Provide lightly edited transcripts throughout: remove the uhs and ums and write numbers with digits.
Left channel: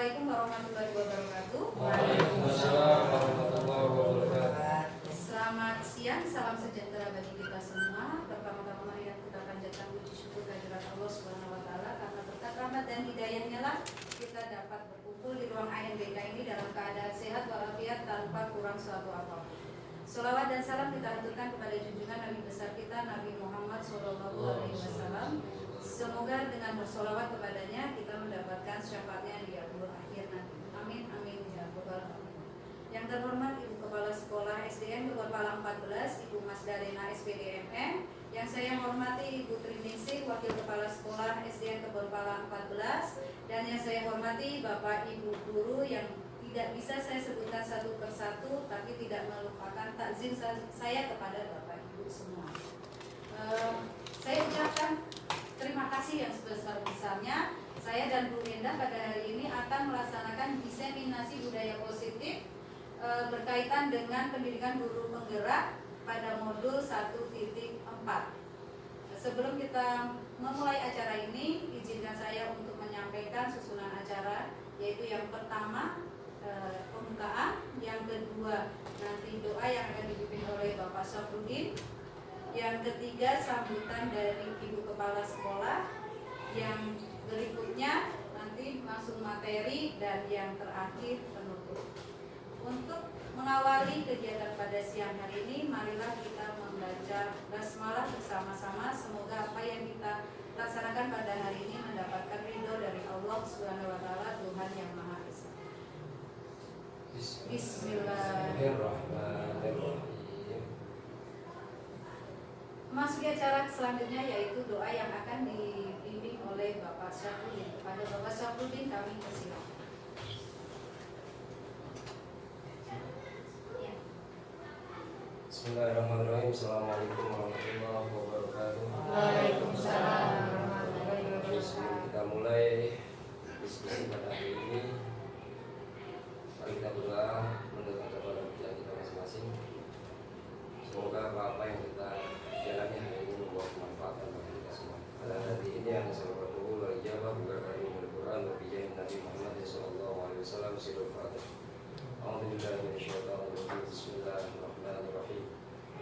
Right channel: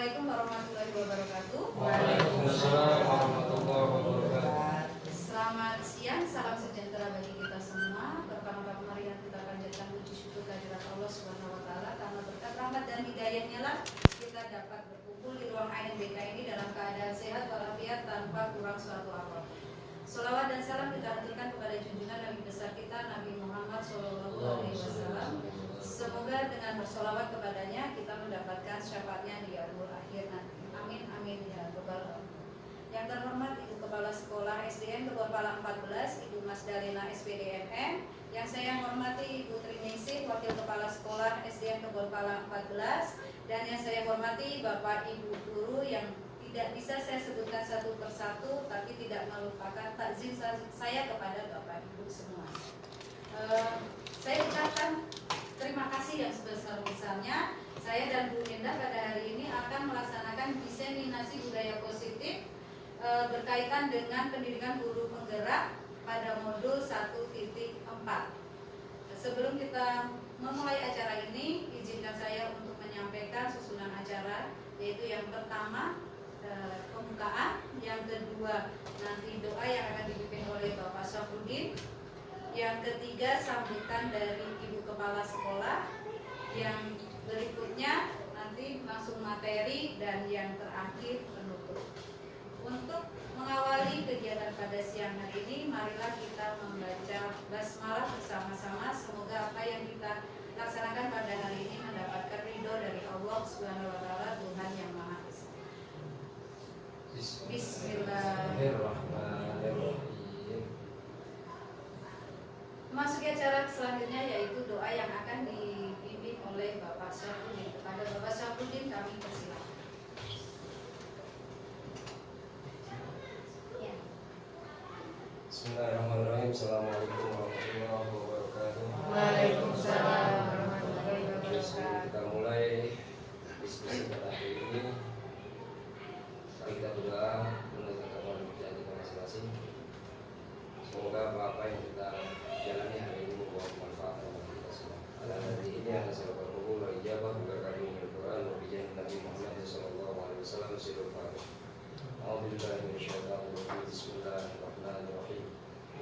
Assalamualaikum warahmatullahi wabarakatuh. Waalaikumsalam warahmatullahi wabarakatuh. Selamat siang, salam sejahtera bagi kita semua. Pertama-tama mari kita panjatkan puji syukur kehadirat Allah Subhanahu wa taala karena berkat rahmat dan hidayahnya lah kita dapat berkumpul di ruang ANBK ini dalam keadaan sehat walafiat tanpa kurang suatu apapun. Sholawat dan salam kita haturkan kepada junjungan Nabi besar kita Nabi Muhammad SAW. Semoga dengan bersolawat kepadanya kita mendapatkan syafaatnya di yaumul akhir nanti. Amin amin ya rabbal alamin. Yang terhormat Ibu Kepala Sekolah SDN Keborpala 14, Ibu Mas Dalena SPDMM. Yang saya hormati Ibu Triningsih, Wakil Kepala Sekolah SDN Keborpala 14. Dan yang saya hormati Bapak Ibu Guru yang tidak bisa saya sebutkan satu persatu, tapi tidak melupakan takzim saya kepada Bapak Ibu semua. Saya ucapkan terima kasih yang sebesar-besarnya. Saya dan Bu Indah pada hari ini akan melaksanakan diseminasi budaya positif berkaitan dengan pendidikan guru penggerak pada modul 1.4. Sebelum kita memulai acara ini, izinkan saya untuk menyampaikan susunan acara, yaitu yang pertama pembukaan, yang kedua nanti doa yang akan dipimpin oleh Bapak Syafruddin, yang ketiga sambutan dari Ibu Kepala Sekolah, yang berikutnya nanti langsung materi, dan yang terakhir penutup. Untuk mengawali kegiatan pada siang hari ini, marilah kita membaca basmalah bersama-sama. Semoga apa yang kita laksanakan pada hari ini mendapatkan ridho dari Allah Subhanahu wa taala, Tuhan yang Maha Esa. Bismillahirrahmanirrahim. Memasuki acara selanjutnya yaitu doa yang akan dipimpin oleh Bapak Syafruddin. Kepada Bapak Syafruddin kami persilakan. Ya. Bismillahirrahmanirrahim. Assalamualaikum warahmatullahi wabarakatuh. Waalaikumsalam warahmatullahi wabarakatuh. Kita mulai diskusi pada hari ini. Mari kita berdoa mendekat kepada Tuhan kita masing-masing. Semoga apa yang kita jalani hari ini membuat manfaat bagi kita semua. Pada hari ini akan saya berkumpul wa ijabah berkali Al-Quran wa bijahin Nabi Muhammad sallallahu alaihi wasallam sirul fatih. A'udzubillahi minasyaitonir rajim. Bismillahirrahmanirrahim.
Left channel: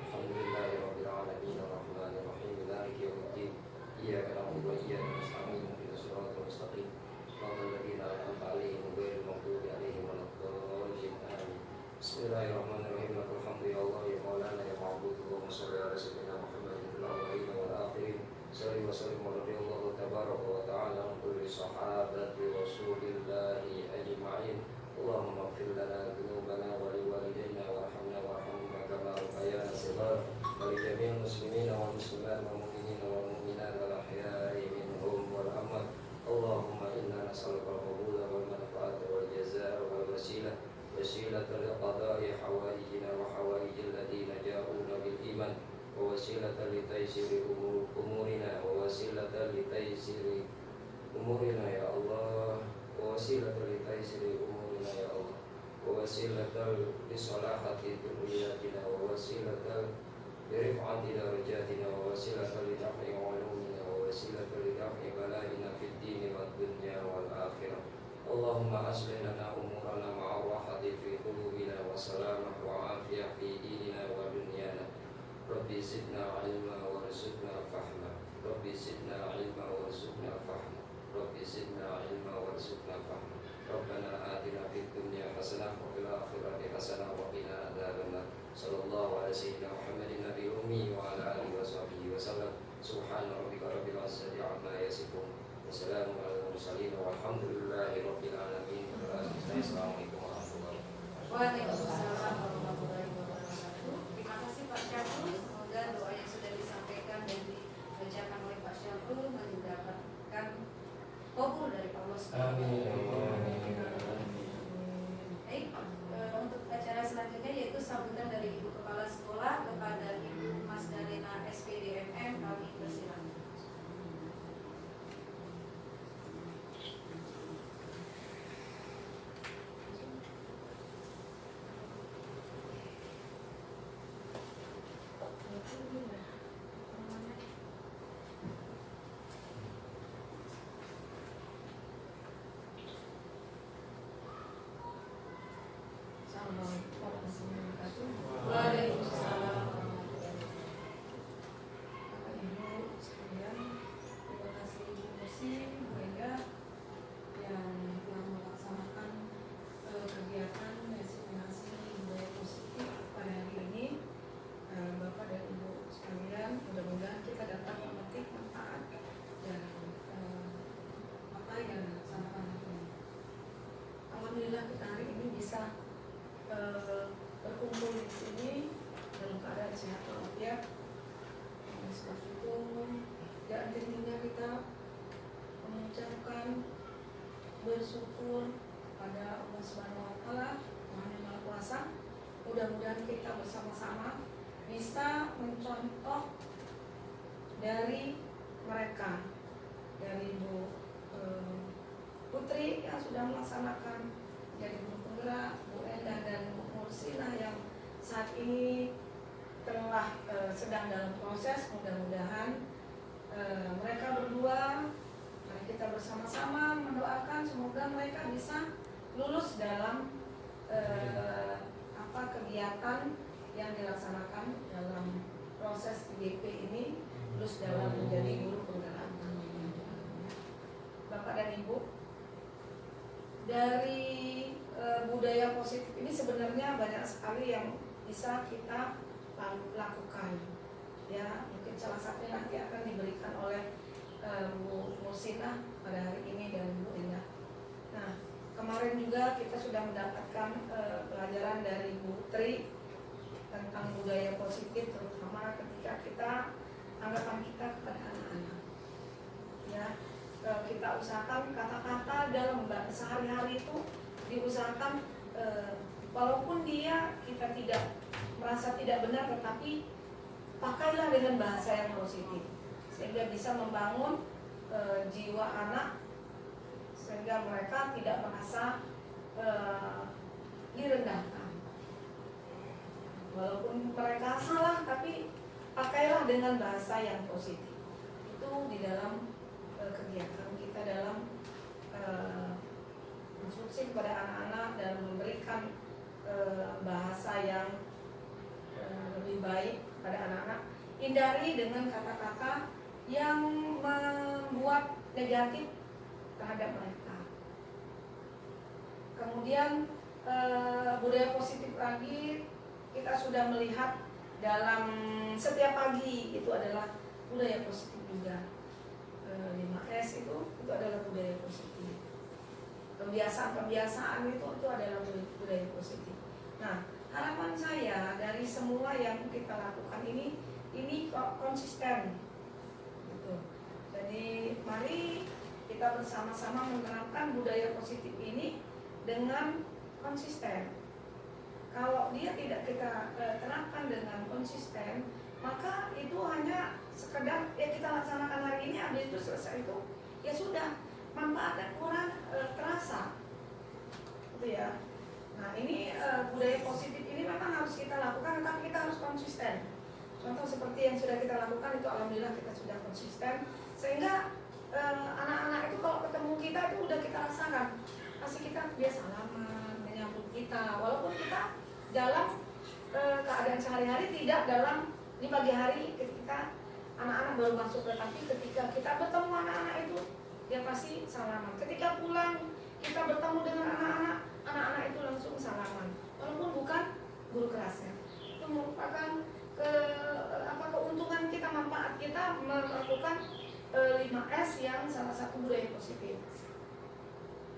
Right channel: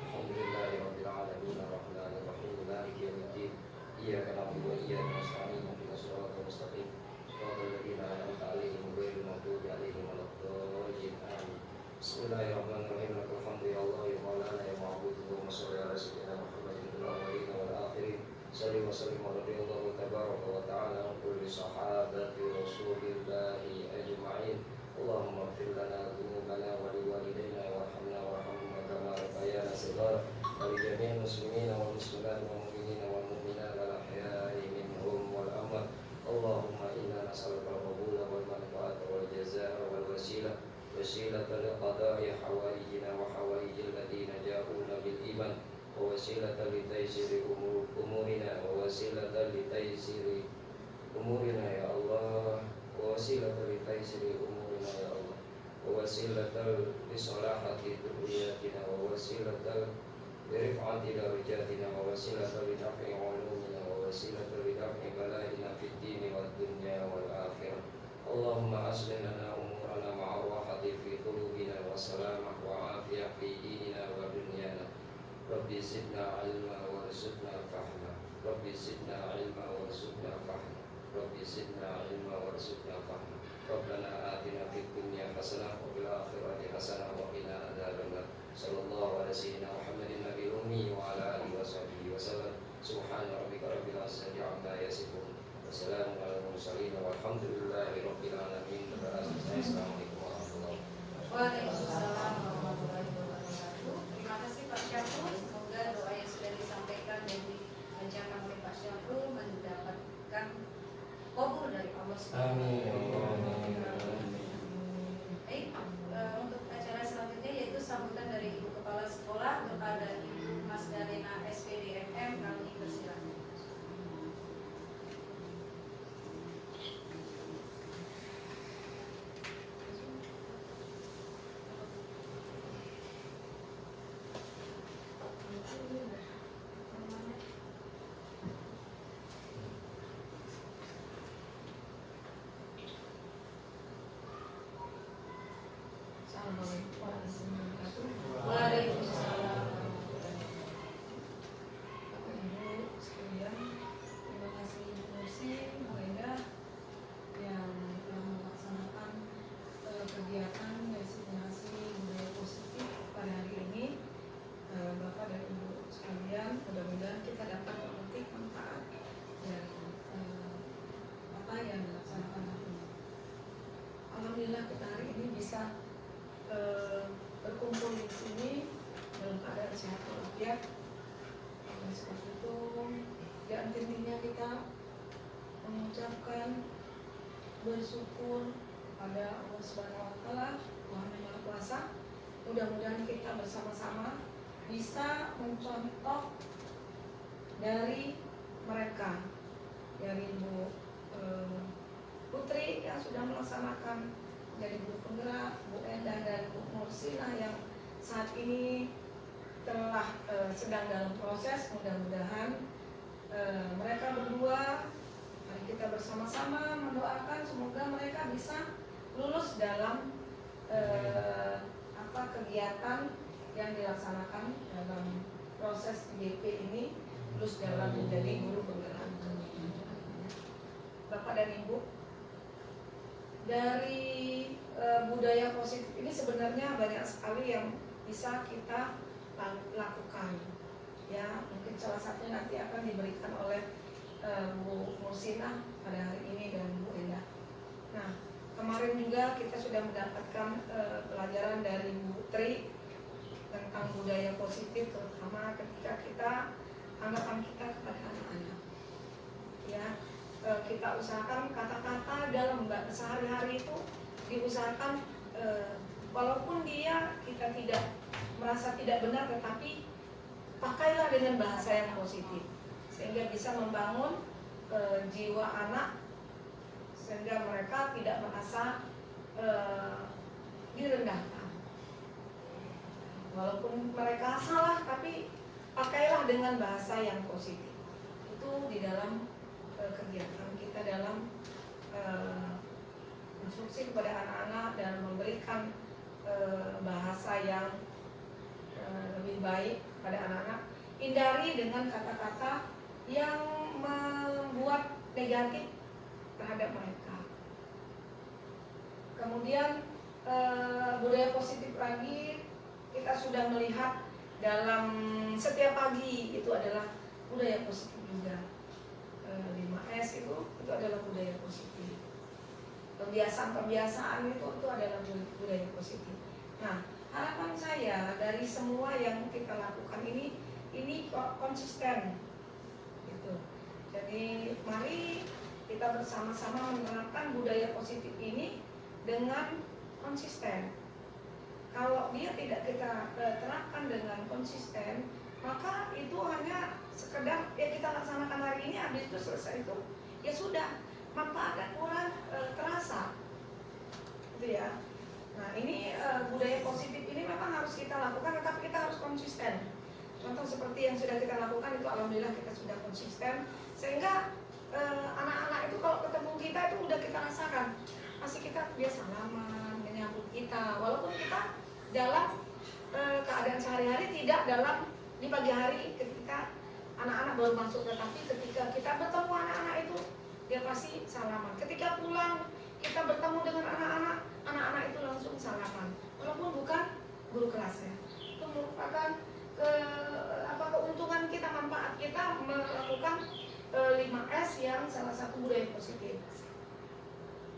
Alhamdulillahirabbil alamin arrahmanir rahim maliki yaumiddin. Iyyaka na'budu wa iyyaka nasta'in ihdinas siratal mustaqim. Shiratal ladzina an'amta 'alaihim ghairil maghdubi 'alaihim waladdallin. Amin. Bismillahirrahmanirrahim. Alhamdulillah ya maulana ya ma'budu wa sholli ala sayyidina Muhammadin fil awwalin wal akhirin. Shalli wa sallim ala radhiyallahu tabaraka wa ta'ala an kulli sahabati rasulillahi ajma'in. Allahumma ighfir lana dhunubana wa liwalidayna warhamna warhamhum kama rabbayana shighara wa li jami'il muslimina wal muslimat wal mu'minina wal mu'minat wal ahya'i minhum wal amwat. Allahumma inna nas'aluka al-qabula wal manfaata wal jazaa'a wal wasilah وسيلة لقضاء حوائجنا وحوائج الذين جاءونا بالإيمان ووسيلة لتيسير أمورنا ووسيلة لتيسير أمورنا يا الله ووسيلة لتيسير أمورنا يا الله ووسيلة لصلاحة ذرياتنا ووسيلة لرفعة درجاتنا ووسيلة لدفع علومنا ووسيلة لدفع بلائنا في الدين والدنيا والآخرة. اللهم أصلح لنا أمورنا مع الراحة في قلوبنا وسلامة وعافية في ديننا ودنيانا. ربي زدنا علما وارزقنا فهما. ربي زدنا علما وارزقنا فهما. ربي زدنا علما وارزقنا فهما. ربنا آتنا في الدنيا حسنة وفي الآخرة حسنة وقنا عذاب النار. صلى الله على سيدنا محمد النبي الأمي وعلى آله وصحبه وسلم. سبحان ربك رب العزة عما يصفون. Wassalamu ala mursalin walhamdulillahi rabbil alamin. Assalamualaikum warahmatullahi wabarakatuh. Waalaikumsalam warahmatullahi wabarakatuh. Terima kasih Pak Syafru. Semoga doa yang sudah disampaikan dan dibacakan oleh Pak Syafru mendapatkan kabul dari Allah Subhanahu wa taala. Baik, untuk acara selanjutnya yaitu sambutan dari Ibu Kepala Sekolah kepada Ibu Mas Dalena SPDMM, kami persilakan. intinya kita mengucapkan bersyukur pada Allah Subhanahu wa taala, Tuhan yang Maha Kuasa. Mudah-mudahan kita bersama-sama bisa mencontoh dari mereka, dari Bu Putri yang sudah melaksanakan jadi guru penggerak, Bu Endah dan Bu Mursina yang saat ini telah sedang dalam proses. Mudah-mudahan mereka berdua, mari kita bersama-sama mendoakan semoga mereka bisa lulus dalam kegiatan yang dilaksanakan dalam proses IDP ini, lulus dalam menjadi guru penggerak. Bapak dan Ibu, dari budaya positif ini sebenarnya banyak sekali yang bisa kita lakukan. Ya, mungkin salah satunya nanti akan diberikan oleh Bu Mursina pada hari ini dan Bu Endah. Nah, kemarin juga kita sudah mendapatkan pelajaran dari Bu Tri tentang budaya positif, terutama ketika kita anggapan kita kepada anak-anak. Ya, kita usahakan kata-kata dalam sehari-hari itu diusahakan walaupun kita tidak merasa tidak benar, tetapi pakailah dengan bahasa yang positif sehingga bisa membangun jiwa anak, sehingga mereka tidak merasa direndahkan. Walaupun mereka salah, tapi pakailah dengan bahasa yang positif. Itu di dalam kegiatan kita dalam instruksi kepada anak-anak dan memberikan bahasa yang lebih baik kepada anak-anak. Hindari dengan kata-kata yang membuat negatif terhadap mereka. Kemudian budaya positif lagi kita sudah melihat dalam setiap pagi itu adalah budaya positif juga. 5S itu adalah budaya positif. Kebiasaan-kebiasaan itu adalah budaya positif. Nah, harapan saya dari semua yang kita lakukan ini konsisten. Gitu. Jadi mari kita bersama-sama menerapkan budaya positif ini dengan konsisten. Kalau dia tidak kita terapkan dengan konsisten, maka itu hanya sekedar ya kita laksanakan hari ini, habis itu selesai itu ya sudah, manfaatnya kurang terasa, gitu ya. Nah ini budaya positif ini memang harus kita lakukan, tetapi kita harus konsisten. Contoh seperti yang sudah kita lakukan itu alhamdulillah kita sudah konsisten, sehingga anak-anak itu kalau ketemu kita itu udah kita rasakan, pasti kita dia salaman, menyambut kita, walaupun kita dalam keadaan sehari-hari tidak dalam di pagi hari ketika anak-anak baru masuk, tetapi ketika kita bertemu anak-anak itu dia pasti salaman. Ketika pulang kita bertemu dengan anak-anak itu langsung salaman, walaupun bukan guru kelasnya. Itu merupakan keuntungan kita, manfaat kita melakukan 5S yang salah satu budaya positif.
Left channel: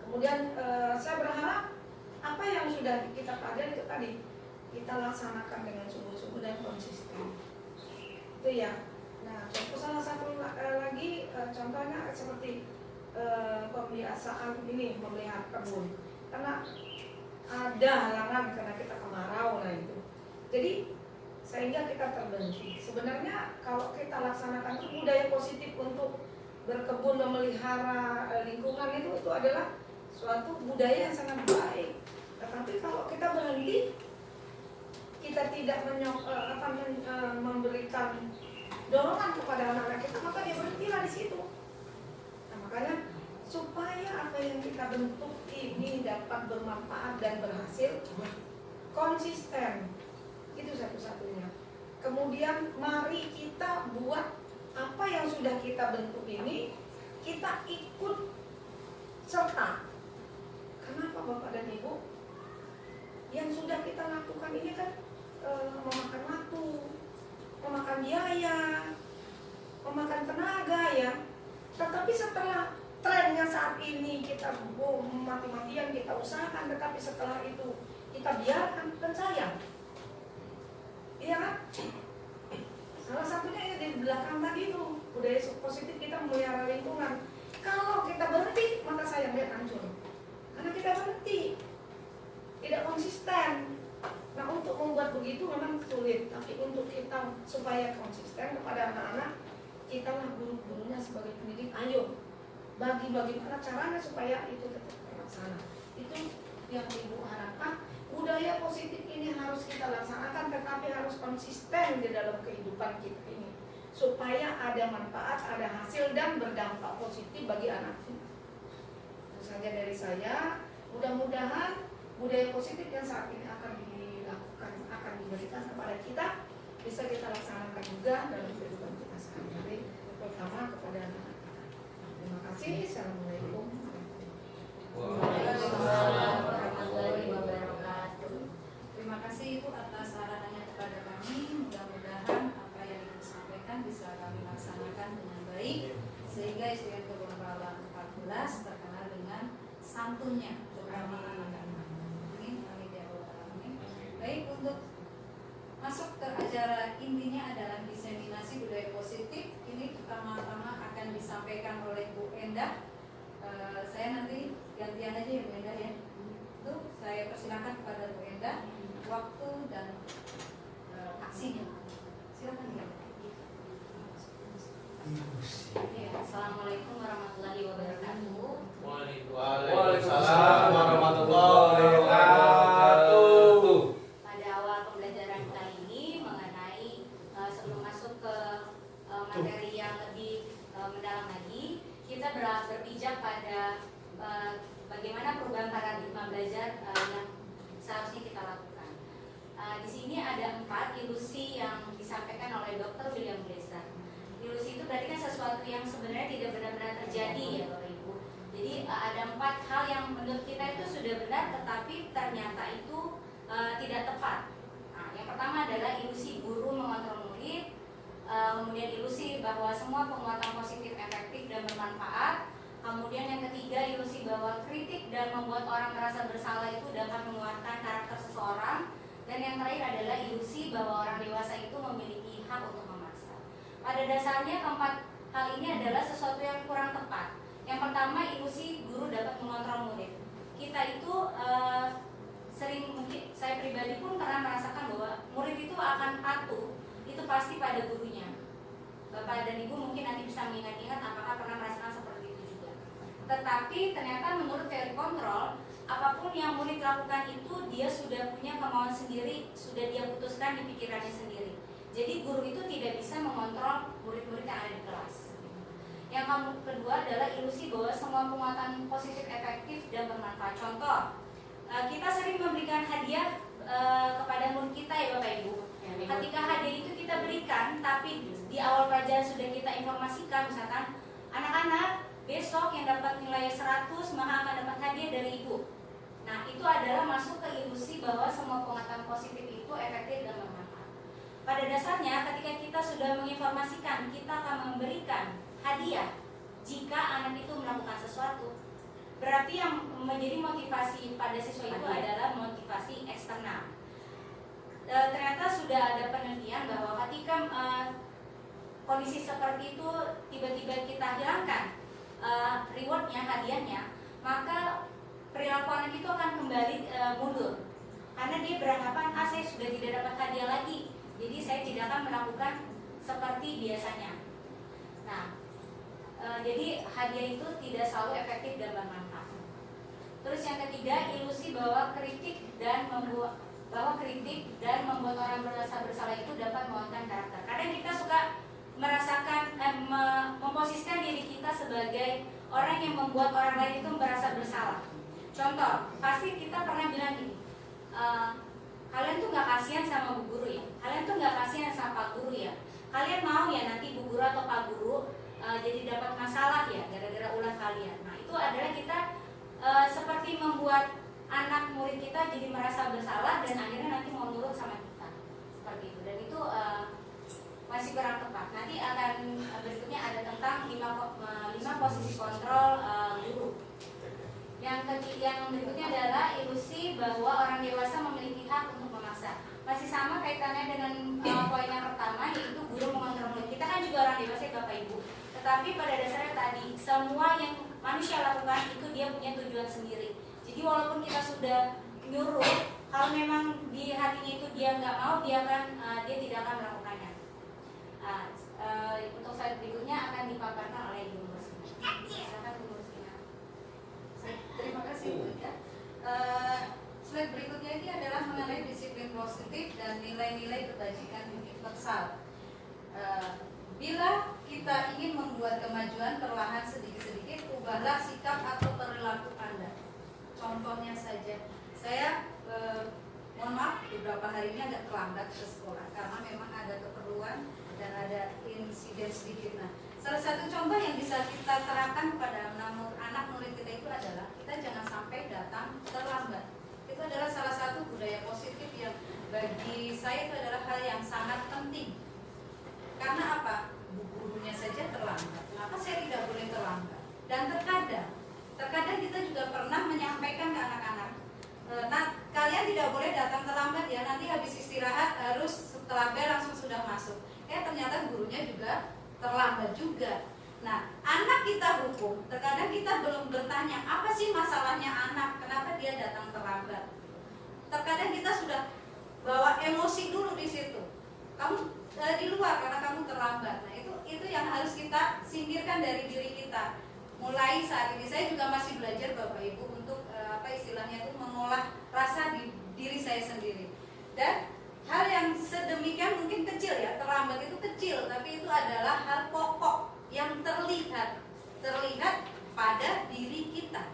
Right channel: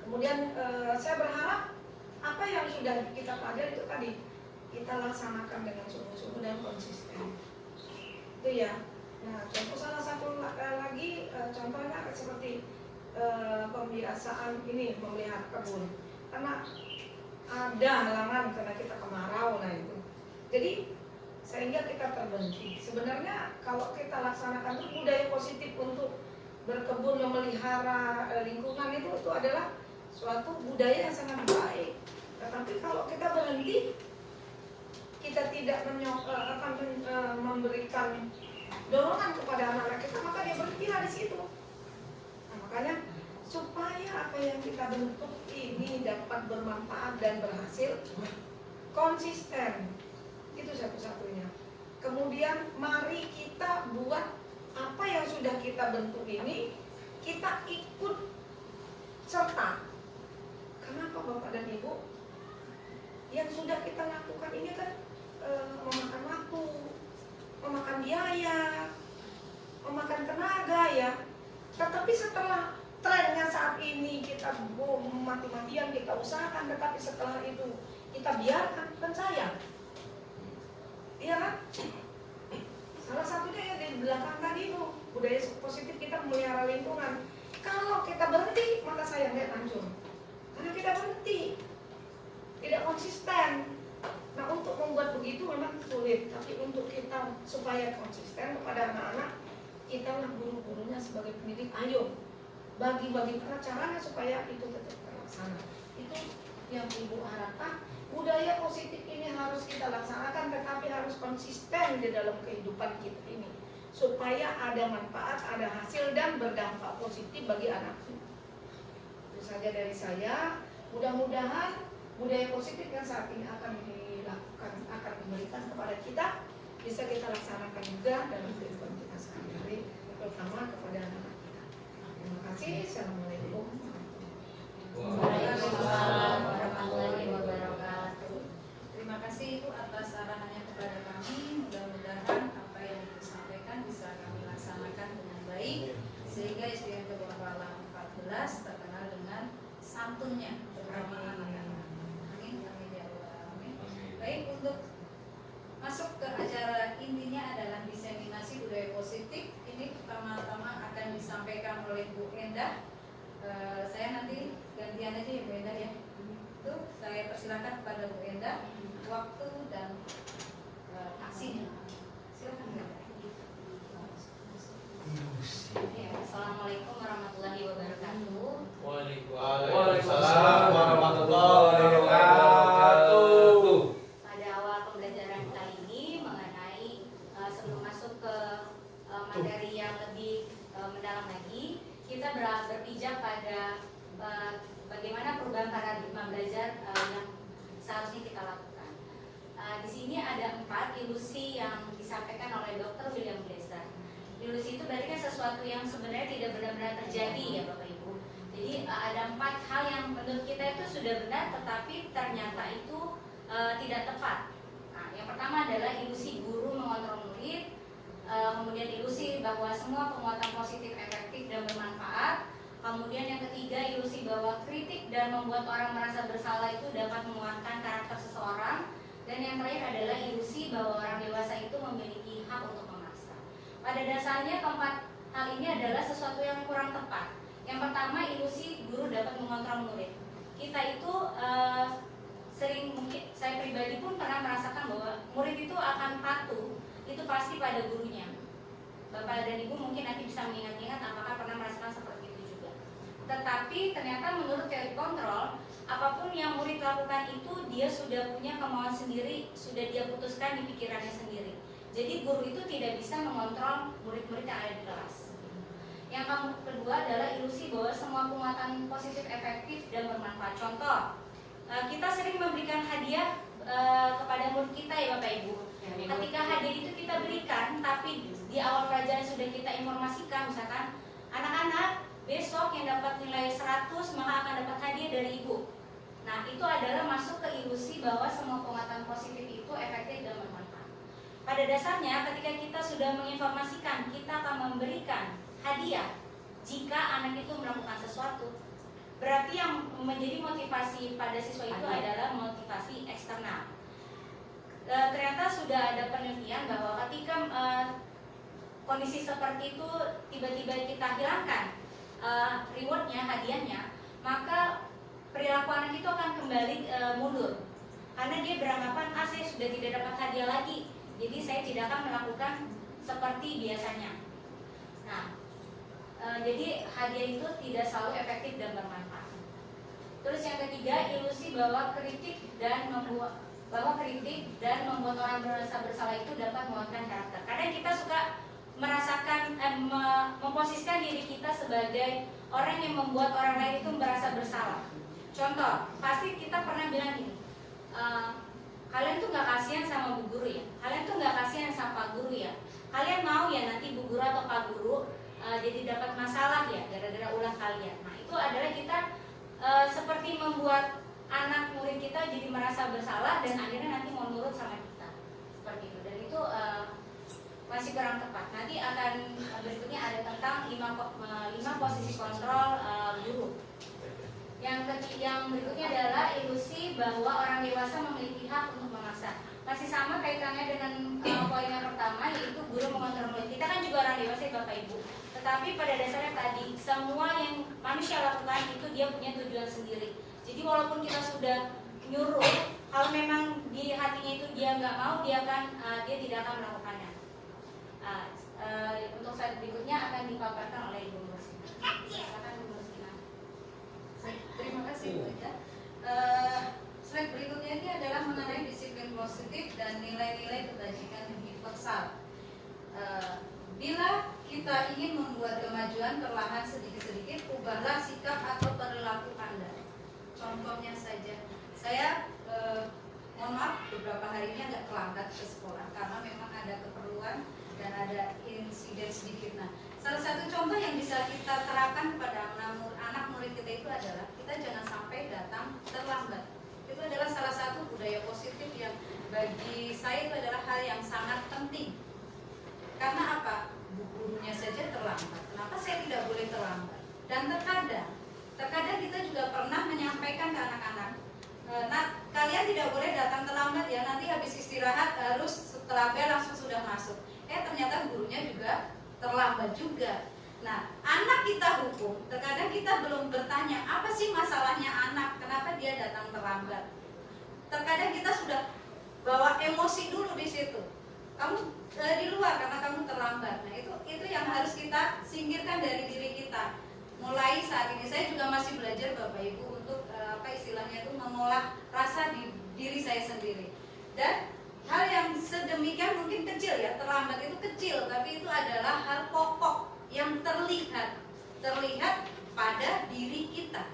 Kemudian saya berharap apa yang sudah kita pelajari itu tadi kita laksanakan dengan sungguh-sungguh dan konsisten. Itu ya. Nah, contoh salah satu lagi contohnya seperti pembiasaan ini memelihara kebun. Karena ada halangan karena kita kemarau, nah itu. Jadi sehingga kita terbenci. Sebenarnya kalau kita laksanakan itu budaya positif untuk berkebun, memelihara lingkungan itu adalah suatu budaya yang sangat baik. Tetapi kalau kita berhenti, kita tidak memberikan dorongan kepada anak-anak kita, maka dia berhentilah di situ. Nah, makanya supaya apa yang kita bentuk ini dapat bermanfaat dan berhasil, konsisten. Itu satu-satunya. Kemudian mari kita buat apa yang sudah kita bentuk ini, kita ikut serta. Kenapa Bapak dan Ibu? Yang sudah kita lakukan ini kan memakan waktu, memakan biaya, memakan tenaga ya. Tetapi setelah trennya saat ini kita mati-matian kita usahakan, tetapi setelah itu kita biarkan, kan sayang. Iya kan? Salah satunya ya di belakang tadi itu budaya positif kita memelihara lingkungan. Kalau kita berhenti, maka saya melihat hancur. Karena kita berhenti, tidak konsisten. Nah, untuk membuat begitu memang sulit, tapi untuk kita supaya konsisten kepada anak-anak, kita lah guru-gurunya sebagai pendidik, ayo bagi bagaimana caranya supaya itu tetap terlaksana. Itu yang Ibu harapkan. Budaya positif ini harus kita laksanakan, tetapi harus konsisten di dalam kehidupan kita ini, supaya ada manfaat, ada hasil, dan berdampak positif bagi anak kita. Itu saja dari saya. Mudah-mudahan budaya positif yang saat ini akan dilakukan, akan diberikan kepada kita, bisa kita laksanakan juga dalam kehidupan kita sehari-hari, terutama kepada anak-anak kita. Terima kasih. Assalamualaikum. Waalaikumsalam warahmatullahi wabarakatuh. Terima kasih Ibu atas arahannya kepada kami. Mudah-mudahan apa yang disampaikan bisa kami laksanakan dengan baik, sehingga SBMK Donggala 14 terkenal dengan santunnya, terutama anak-anak. Amin, amin ya Allah, amin. Baik, untuk masuk ke acara intinya adalah diseminasi budaya positif. Ini pertama-tama akan disampaikan oleh Bu Endah. Saya nanti gantian aja ya Bu Endah ya. Itu saya persilakan kepada Bu Endah waktu dan aksinya. Silakan Bu Endah. Ya, Assalamualaikum warahmatullahi wabarakatuh. Waalaikumsalam warahmatullahi wabarakatuh. Pada awal pembelajaran kali ini mengenai sebelum masuk ke materi yang lebih mendalam lagi, kita berpijak pada bagaimana perubahan paradigma belajar yang seharusnya kita lakukan. Di sini ada 4 ilusi yang disampaikan oleh Dr. William Glasser. Ilusi itu berarti kan sesuatu yang sebenarnya tidak benar-benar terjadi ya Bapak Ibu. Jadi ada 4 hal yang menurut kita itu sudah benar, tetapi ternyata itu tidak tepat. Nah, yang pertama adalah ilusi guru mengontrol murid, kemudian ilusi bahwa semua penguatan positif efektif dan bermanfaat. Kemudian yang ketiga, ilusi bahwa kritik dan membuat orang merasa bersalah itu dapat menguatkan karakter seseorang. Dan yang terakhir adalah ilusi bahwa orang dewasa itu memiliki hak untuk memaksa. Pada dasarnya keempat hal ini adalah sesuatu yang kurang tepat. Yang pertama, ilusi guru dapat mengontrol murid. Kita itu sering, mungkin saya pribadi pun pernah merasakan bahwa murid itu akan patuh itu pasti pada gurunya. Bapak dan Ibu mungkin nanti bisa mengingat-ingat apakah pernah merasakan seperti itu juga. Tetapi ternyata menurut teori kontrol, apapun yang murid lakukan itu dia sudah punya kemauan sendiri, sudah dia putuskan di pikirannya sendiri. Jadi guru itu tidak bisa mengontrol murid-murid yang ada di kelas. Yang kedua adalah ilusi bahwa semua penguatan positif efektif dan bermanfaat. Contoh, kita sering memberikan hadiah kepada murid kita ya Bapak Ibu. Ketika hadiah itu kita berikan, tapi di awal pelajaran sudah kita informasikan, misalkan anak-anak besok yang dapat nilai 100 maka akan dapat hadiah dari ibu. Nah, itu adalah masuk ke ilusi bahwa semua penguatan positif itu efektif dan bermanfaat. Pada dasarnya ketika kita sudah menginformasikan kita akan memberikan hadiah jika anak itu melakukan sesuatu, berarti yang menjadi motivasi pada siswa itu adalah motivasi eksternal. Ternyata sudah ada penelitian bahwa ketika kondisi seperti itu tiba-tiba kita hilangkan rewardnya, hadiahnya, maka perilaku anak itu akan kembali mundur karena dia beranggapan saya sudah tidak dapat hadiah lagi, jadi saya tidak akan melakukan seperti biasanya. Nah, jadi hadiah itu tidak selalu efektif dan bermanfaat. Terus yang ketiga, ilusi bahwa kritik dan membuat orang merasa bersalah itu dapat menguatkan karakter. Kadang kita suka merasakan memposisikan diri kita sebagai orang yang membuat orang lain itu merasa bersalah. Contoh, pasti kita pernah bilang gini, kalian tuh gak kasihan sama bu guru ya, kalian tuh gak kasihan sama pak guru ya, kalian mau ya nanti bu guru atau pak guru jadi dapat masalah ya gara-gara ulah kalian. Nah, itu adalah kita seperti membuat anak murid kita jadi merasa bersalah dan akhirnya nanti mau nurut sama kita seperti itu, dan itu masih kurang tepat. Nanti akan berikutnya ada tentang 5 posisi kontrol guru. Yang berikutnya adalah ilusi bahwa orang dewasa memiliki hak untuk memaksa. Masih sama kaitannya dengan poin yang pertama, yaitu guru mengontrol murid. Kita kan juga orang dewasa ya Bapak Bapak Ibu. Tetapi pada dasarnya tadi semua yang manusia lakukan itu dia punya tujuan sendiri. Jadi walaupun kita sudah nyuruh, kalau memang di hatinya itu dia nggak mau, dia tidak akan melakukannya. Untuk slide berikutnya akan dipaparkan oleh Ibu Rustina. Silakan Ibu Rustina. Terima kasih Bu Ida. Slide berikutnya ini adalah mengenai disiplin positif dan nilai-nilai kebajikan universal. Bila kita ingin membuat kemajuan perlahan sedikit-sedikit, ubahlah sikap atau perilaku Anda. Contohnya saja, saya mohon maaf beberapa hari ini agak terlambat ke sekolah karena memang ada keperluan dan ada insiden sedikit. Nah, salah satu contoh yang bisa kita terapkan kepada anak murid kita itu adalah kita jangan sampai datang terlambat. Itu adalah salah satu budaya positif yang bagi saya itu adalah hal yang sangat penting. Karena apa? Gurunya saja terlambat. Kenapa saya tidak boleh terlambat? Dan terkadang kita juga pernah menyampaikan ke anak-anak, nah kalian tidak boleh datang terlambat ya. Nanti habis istirahat harus setelah bel langsung sudah masuk. Ternyata gurunya juga terlambat juga. Nah, anak kita hukum, terkadang kita belum bertanya apa sih masalahnya anak, kenapa dia datang terlambat. Terkadang kita sudah bawa emosi dulu di situ. Kamu di luar karena kamu terlambat. Nah, itu yang harus kita singkirkan dari diri kita. Mulai saat ini saya juga masih belajar Bapak Ibu untuk istilahnya itu mengolah rasa di diri saya sendiri. Dan hal yang sedemikian mungkin kecil ya, terlambat itu kecil, tapi itu adalah hal pokok yang terlihat pada diri kita.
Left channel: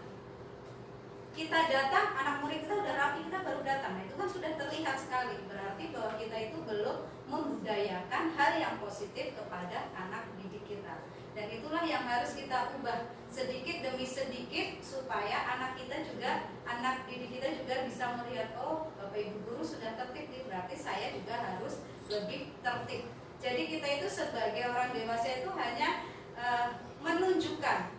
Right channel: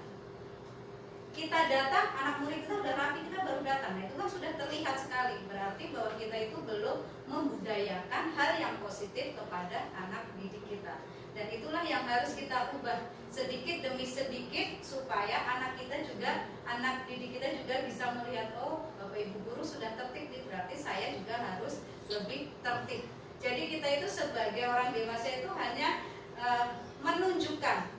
Kita datang, anak murid kita udah rapi, kita baru datang. Nah, itu kan sudah terlihat sekali. Berarti bahwa kita itu belum membudayakan hal yang positif kepada anak didik kita. Dan itulah yang harus kita ubah sedikit demi sedikit supaya anak didik kita juga bisa melihat, oh Bapak Ibu guru sudah tertib, berarti saya juga harus lebih tertib. Jadi kita itu sebagai orang dewasa itu hanya menunjukkan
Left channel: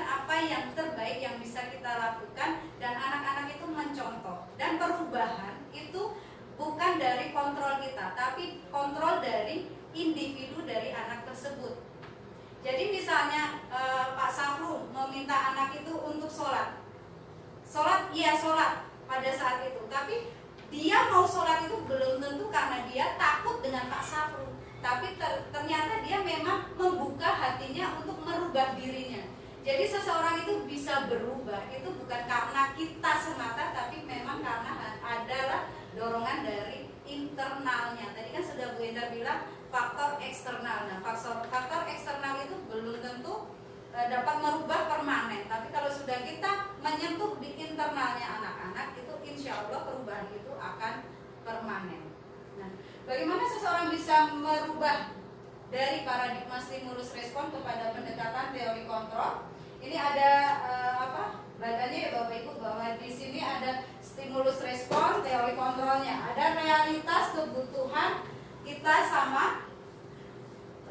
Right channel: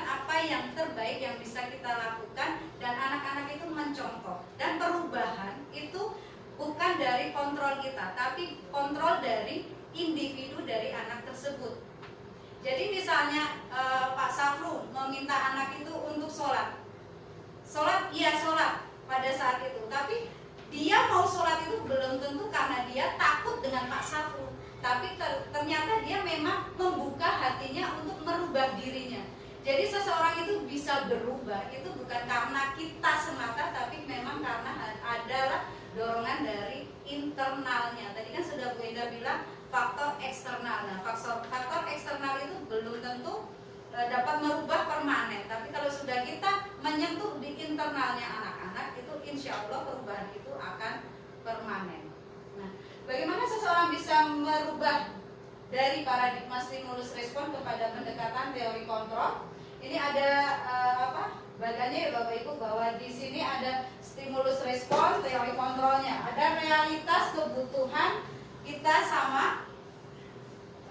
apa yang terbaik yang bisa kita lakukan, dan anak-anak itu mencontoh. Dan perubahan itu bukan dari kontrol kita, tapi kontrol dari individu dari anak tersebut. Jadi misalnya Pak Safru meminta anak itu untuk sholat pada saat itu, tapi dia mau sholat itu belum tentu karena dia takut dengan Pak Safru, tapi ternyata dia memang membuka hatinya untuk merubah dirinya. Jadi seseorang itu bisa berubah itu bukan karena kita semata, tapi memang karena adalah dorongan dari internalnya. Tadi kan sudah Bu Enda bilang faktor eksternal. Nah, faktor eksternal itu belum tentu dapat merubah permanen, tapi kalau sudah kita menyentuh di internalnya anak-anak, itu insya Allah perubahan itu akan permanen. Nah, bagaimana seseorang bisa merubah dari paradigma stimulus respon kepada pendekatan teori kontrol? Ini ada badannya ya Bapak Ibu, bahwa di sini ada stimulus respon, teori kontrolnya. Ada realitas kebutuhan kita sama,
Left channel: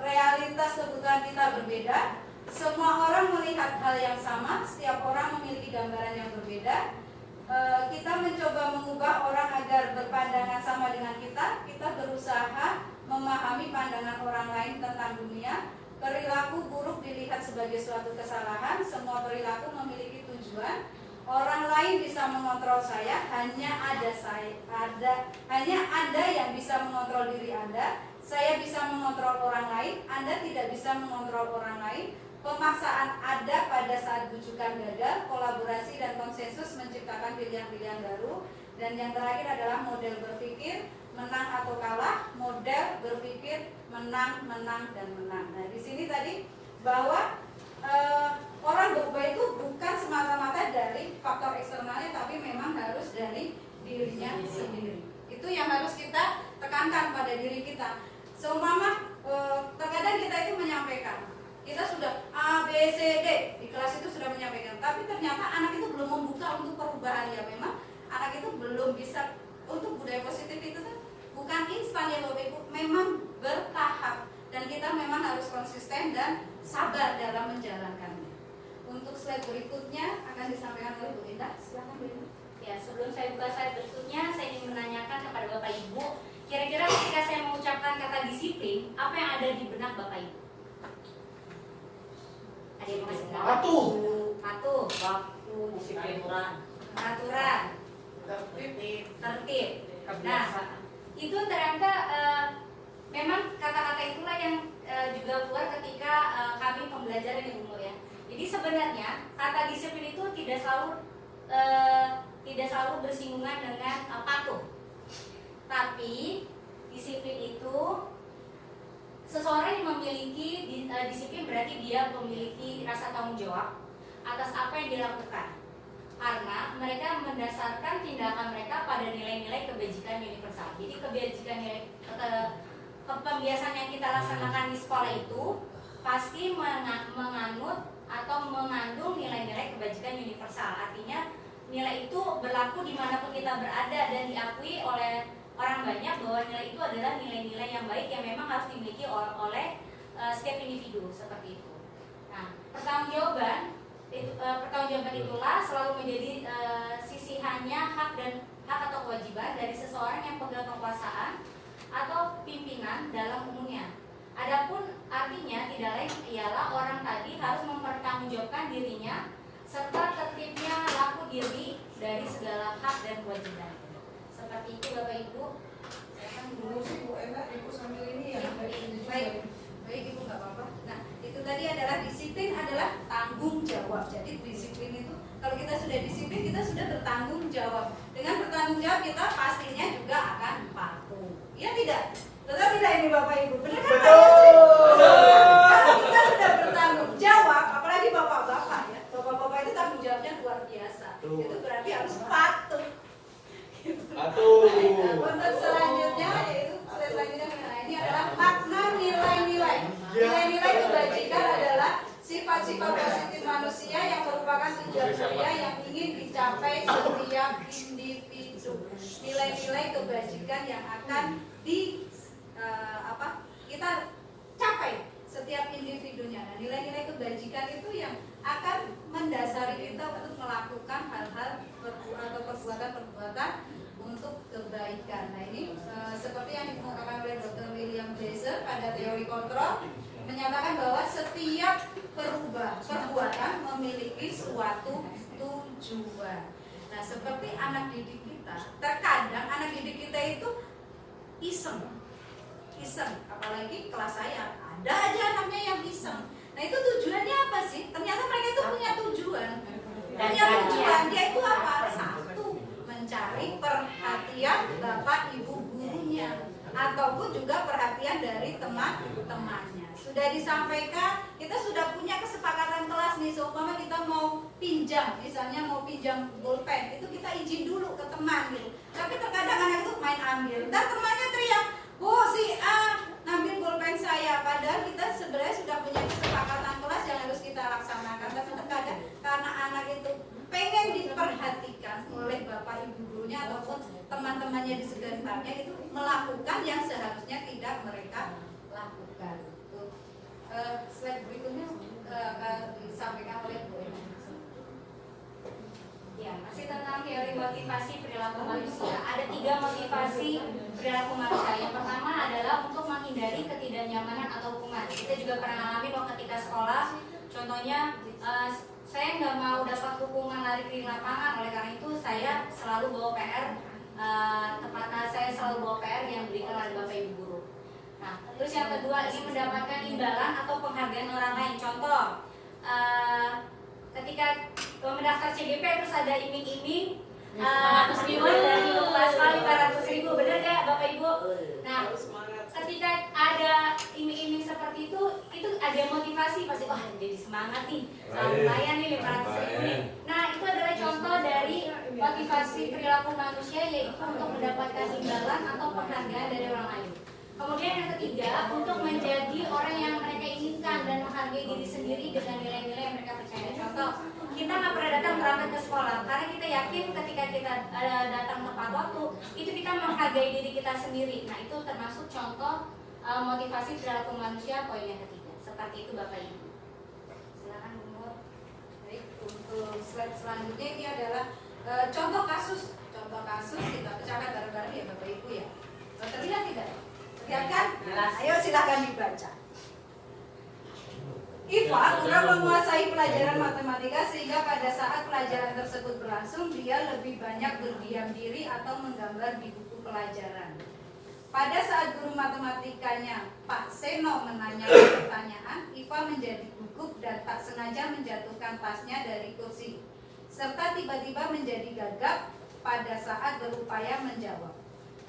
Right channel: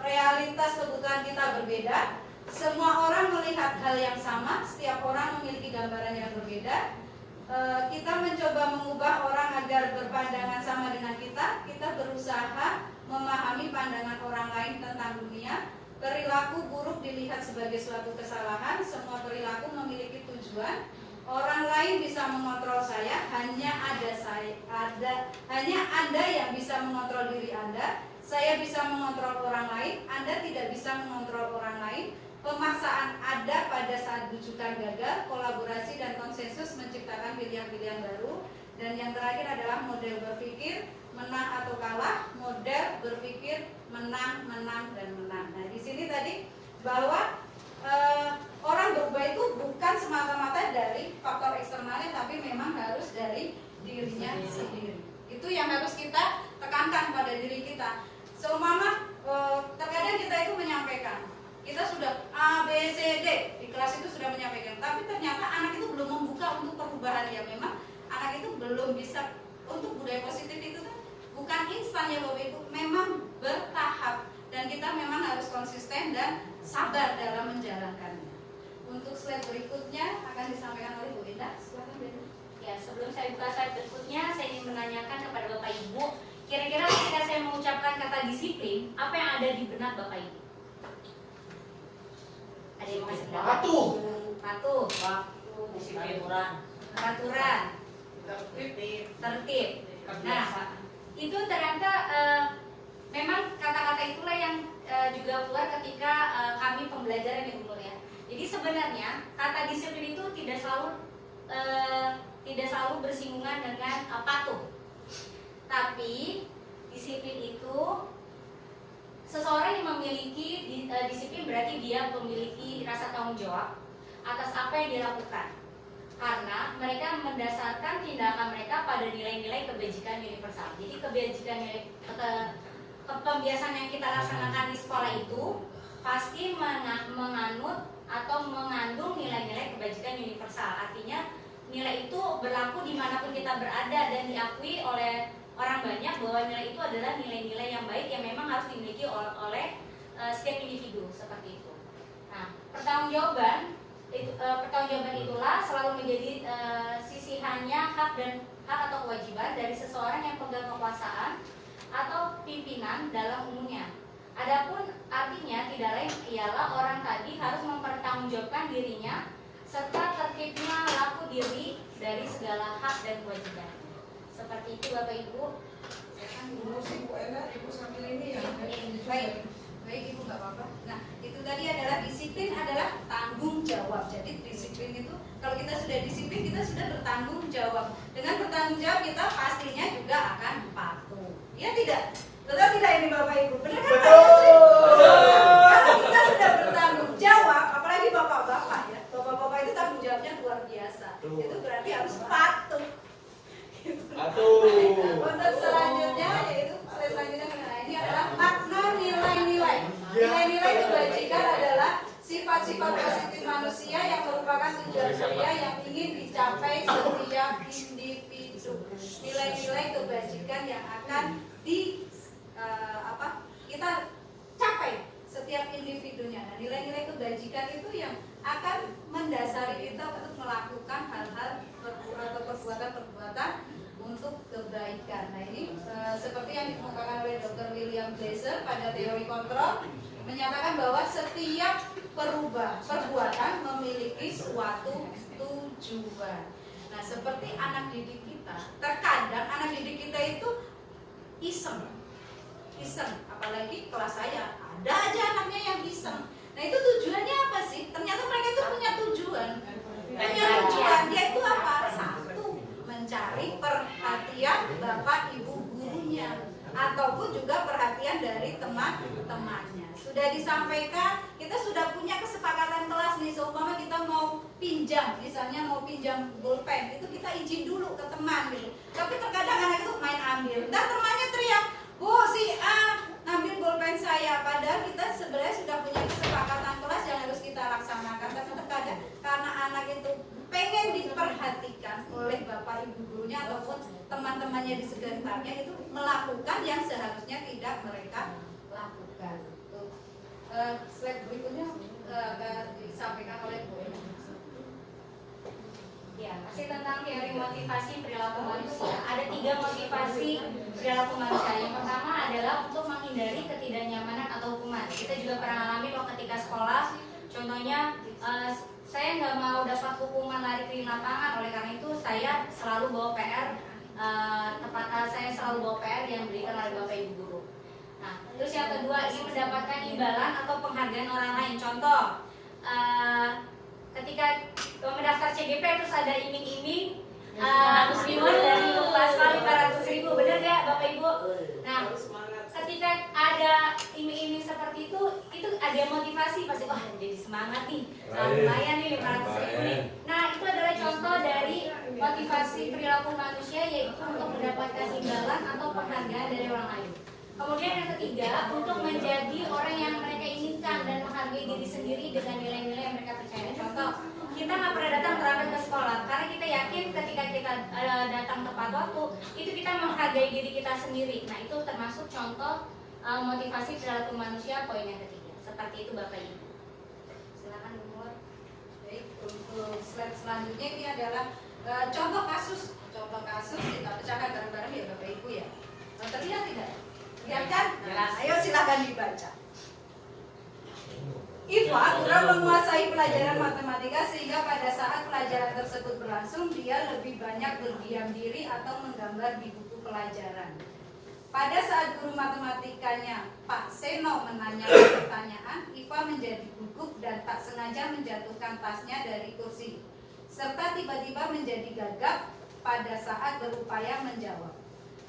realitas kebutuhan kita berbeda. Semua orang melihat hal yang sama, setiap orang memiliki gambaran yang berbeda. Kita mencoba mengubah orang agar berpandangan sama dengan kita. Kita berusaha memahami pandangan orang lain tentang dunia. Perilaku buruk dilihat sebagai suatu kesalahan. Semua perilaku memiliki tujuan. Orang lain bisa mengontrol saya, hanya Anda yang bisa mengontrol diri Anda. Saya bisa mengontrol orang lain, Anda tidak bisa mengontrol orang lain. Pemaksaan ada pada saat bujukan gagal. Kolaborasi dan konsensus menciptakan pilihan-pilihan baru. Dan yang terakhir adalah model berpikir menang atau kalah, model berpikir menang, dan menang. Nah, di sini tadi bahwa orang berubah itu bukan semata-mata dari faktor eksternalnya, tapi memang harus dari dirinya sendiri. Itu yang harus kita tekankan pada diri kita. Seumpama terkadang kita itu menyampaikan, kita sudah A, B, C, D di kelas itu sudah menyampaikan, tapi ternyata anak itu belum membuka untuk perubahan. Ya memang anak itu belum bisa. Untuk budaya positif itu kan bukan instan ya Bapak Ibu, memang bertahap, dan kita memang harus konsisten dan sabar dalam menjalankannya. Untuk slide berikutnya akan disampaikan oleh Bu Indah. Silakan Bu Indah. Ya, sebelum saya buka slide berikutnya, saya ingin menanyakan kepada Bapak Ibu, kira-kira ketika saya mengucapkan kata disiplin, apa yang ada di benak Bapak Ibu? Patuh. Patuh. Waktu, disiplin orang. Peraturan. Tertib. Nah, itu ternyata memang kata-kata itulah yang juga keluar ketika kami pembelajaran di umur ya. Jadi sebenarnya kata disiplin itu tidak selalu bersinggungan dengan patuh. Tapi disiplin itu seseorang yang memiliki disiplin berarti dia memiliki rasa tanggung jawab atas apa yang dilakukan. Karena mereka mendasarkan tindakan mereka pada nilai-nilai kebajikan universal. Jadi kebajikan kebiasaan yang kita laksanakan di sekolah itu pasti menganut atau mengandung nilai-nilai kebajikan universal. Artinya nilai itu berlaku dimanapun kita berada dan diakui oleh orang banyak bahwa nilai itu adalah nilai-nilai yang baik yang memang harus dimiliki oleh setiap individu seperti itu. Nah, pertanggungjawaban itulah selalu menjadi sisihannya hak atau kewajiban dari seseorang yang pegang kekuasaan atau pimpinan dalam umumnya. Adapun artinya tidak lain ialah orang tadi harus mempertanggungjawabkan dirinya serta tertibnya laku diri dari segala hak dan kewajiban. Seperti itu Bapak Ibu. Dulu sih Bu Ella, Ibu sambil ini ya. Baik Ibu nggak apa-apa. Nah itu tadi adalah disiplin adalah tanggung jawab. Jadi disiplin itu kalau kita sudah disiplin kita sudah bertanggung jawab. Dengan bertanggung jawab kita pastinya juga akan patuh. Ya tidak? Betul tidak ini Bapak Ibu? Benar kan? Kalau kita sudah bertanggung jawab, apalagi bapak-bapak ya, bapak-bapak itu tanggung jawabnya luar biasa. Itu berarti harus patuh. Untuk selanjutnya yaitu ini adalah makna nilai-nilai. Nilai-nilai kebajikan adalah sifat-sifat positif manusia yang merupakan tujuan mulia yang ingin dicapai setiap individu. Nilai-nilai kebajikan yang akan kita capai setiap individunya. Nah, nilai-nilai kebajikan itu yang akan mendasari kita untuk melakukan hal-hal atau perbuatan-perbuatan untuk kebaikan. Nah ini seperti yang dikemukakan oleh Dr. William Jaeger pada teori kontrol menyatakan bahwa setiap perbuatan memiliki suatu tujuan. Nah seperti anak didik kita, terkadang anak didik kita itu iseng, apalagi kelas saya ada aja anaknya yang iseng. Nah itu tujuannya apa sih? Ternyata mereka itu punya tujuan. Dia itu apa? Satu, mencari perhatian bapak ibu gurunya ataupun juga perhatian dari teman-temannya. Sudah disampaikan, kita sudah punya kesepakatan kelas nih. Seumpama kita mau pinjam, misalnya mau pinjam bolpen, itu kita izin dulu ke teman gitu. Tapi terkadang anak itu main ambil. Dan temannya teriak, "Bu, si A ngambil bolpen saya." Padahal kita sebenarnya sudah punya kesepakatan kelas yang harus kita laksanakan. Tapi terkadang karena anak itu pengen diperhatikan oleh bapak ibu gurunya ataupun teman-temannya di sekitarnya, itu melakukan yang seharusnya tidak mereka lakukan. Slide berikutnya akan disampaikan oleh Bu Ena. Ya, masih tentang teori motivasi perilaku manusia. Ada 3 motivasi perilaku manusia. Yang pertama adalah untuk menghindari ketidaknyamanan atau hukuman. Kita juga pernah alami waktu ketika sekolah. Contohnya, saya nggak mau dapat hukuman lari keliling lapangan. Oleh karena itu, saya selalu bawa PR. Saya selalu bawa PR yang diberikan oleh bapak ibu guru. Nah, terus yang kedua, ini mendapatkan imbalan atau penghargaan orang lain. Contoh, ketika mendaftar CGP terus ada iming-iming muslimat dari pasal 500.000, bener gak Bapak Ibu? Nah, ketika ada iming-iming seperti itu ada motivasi pasti, wah jadi semangat nih, lumayan nih 500.000 nih. Nah, itu adalah contoh dari motivasi perilaku manusia, yaitu untuk mendapatkan imbalan atau penghargaan dari orang lain. Kemudian yang ketiga, untuk menjadi orang yang mereka inginkan dan menghargai diri sendiri dengan nilai-nilai yang mereka percaya. Contoh, kita nggak pernah datang terlambat ke sekolah karena kita yakin ketika kita datang tepat waktu, itu kita menghargai diri kita sendiri. Nah, itu termasuk contoh motivasi perilaku manusia poin yang ketiga. Seperti itu Bapak Ibu. Silakan Bu Nur. Baik, untuk slide selanjutnya ini adalah contoh kasus kita pecahkan bareng-bareng ya Bapak Ibu ya. Terlihat tidak? Lihat kan? Ayo silakan dibaca. Iva kurang menguasai pelajaran matematika sehingga pada saat pelajaran tersebut berlangsung dia lebih banyak berdiam diri atau menggambar di buku pelajaran. Pada saat guru matematikanya Pak Seno menanyakan pertanyaan, Iva menjadi gugup dan tak sengaja menjatuhkan tasnya dari kursi, serta tiba-tiba menjadi gagap pada saat berupaya menjawab.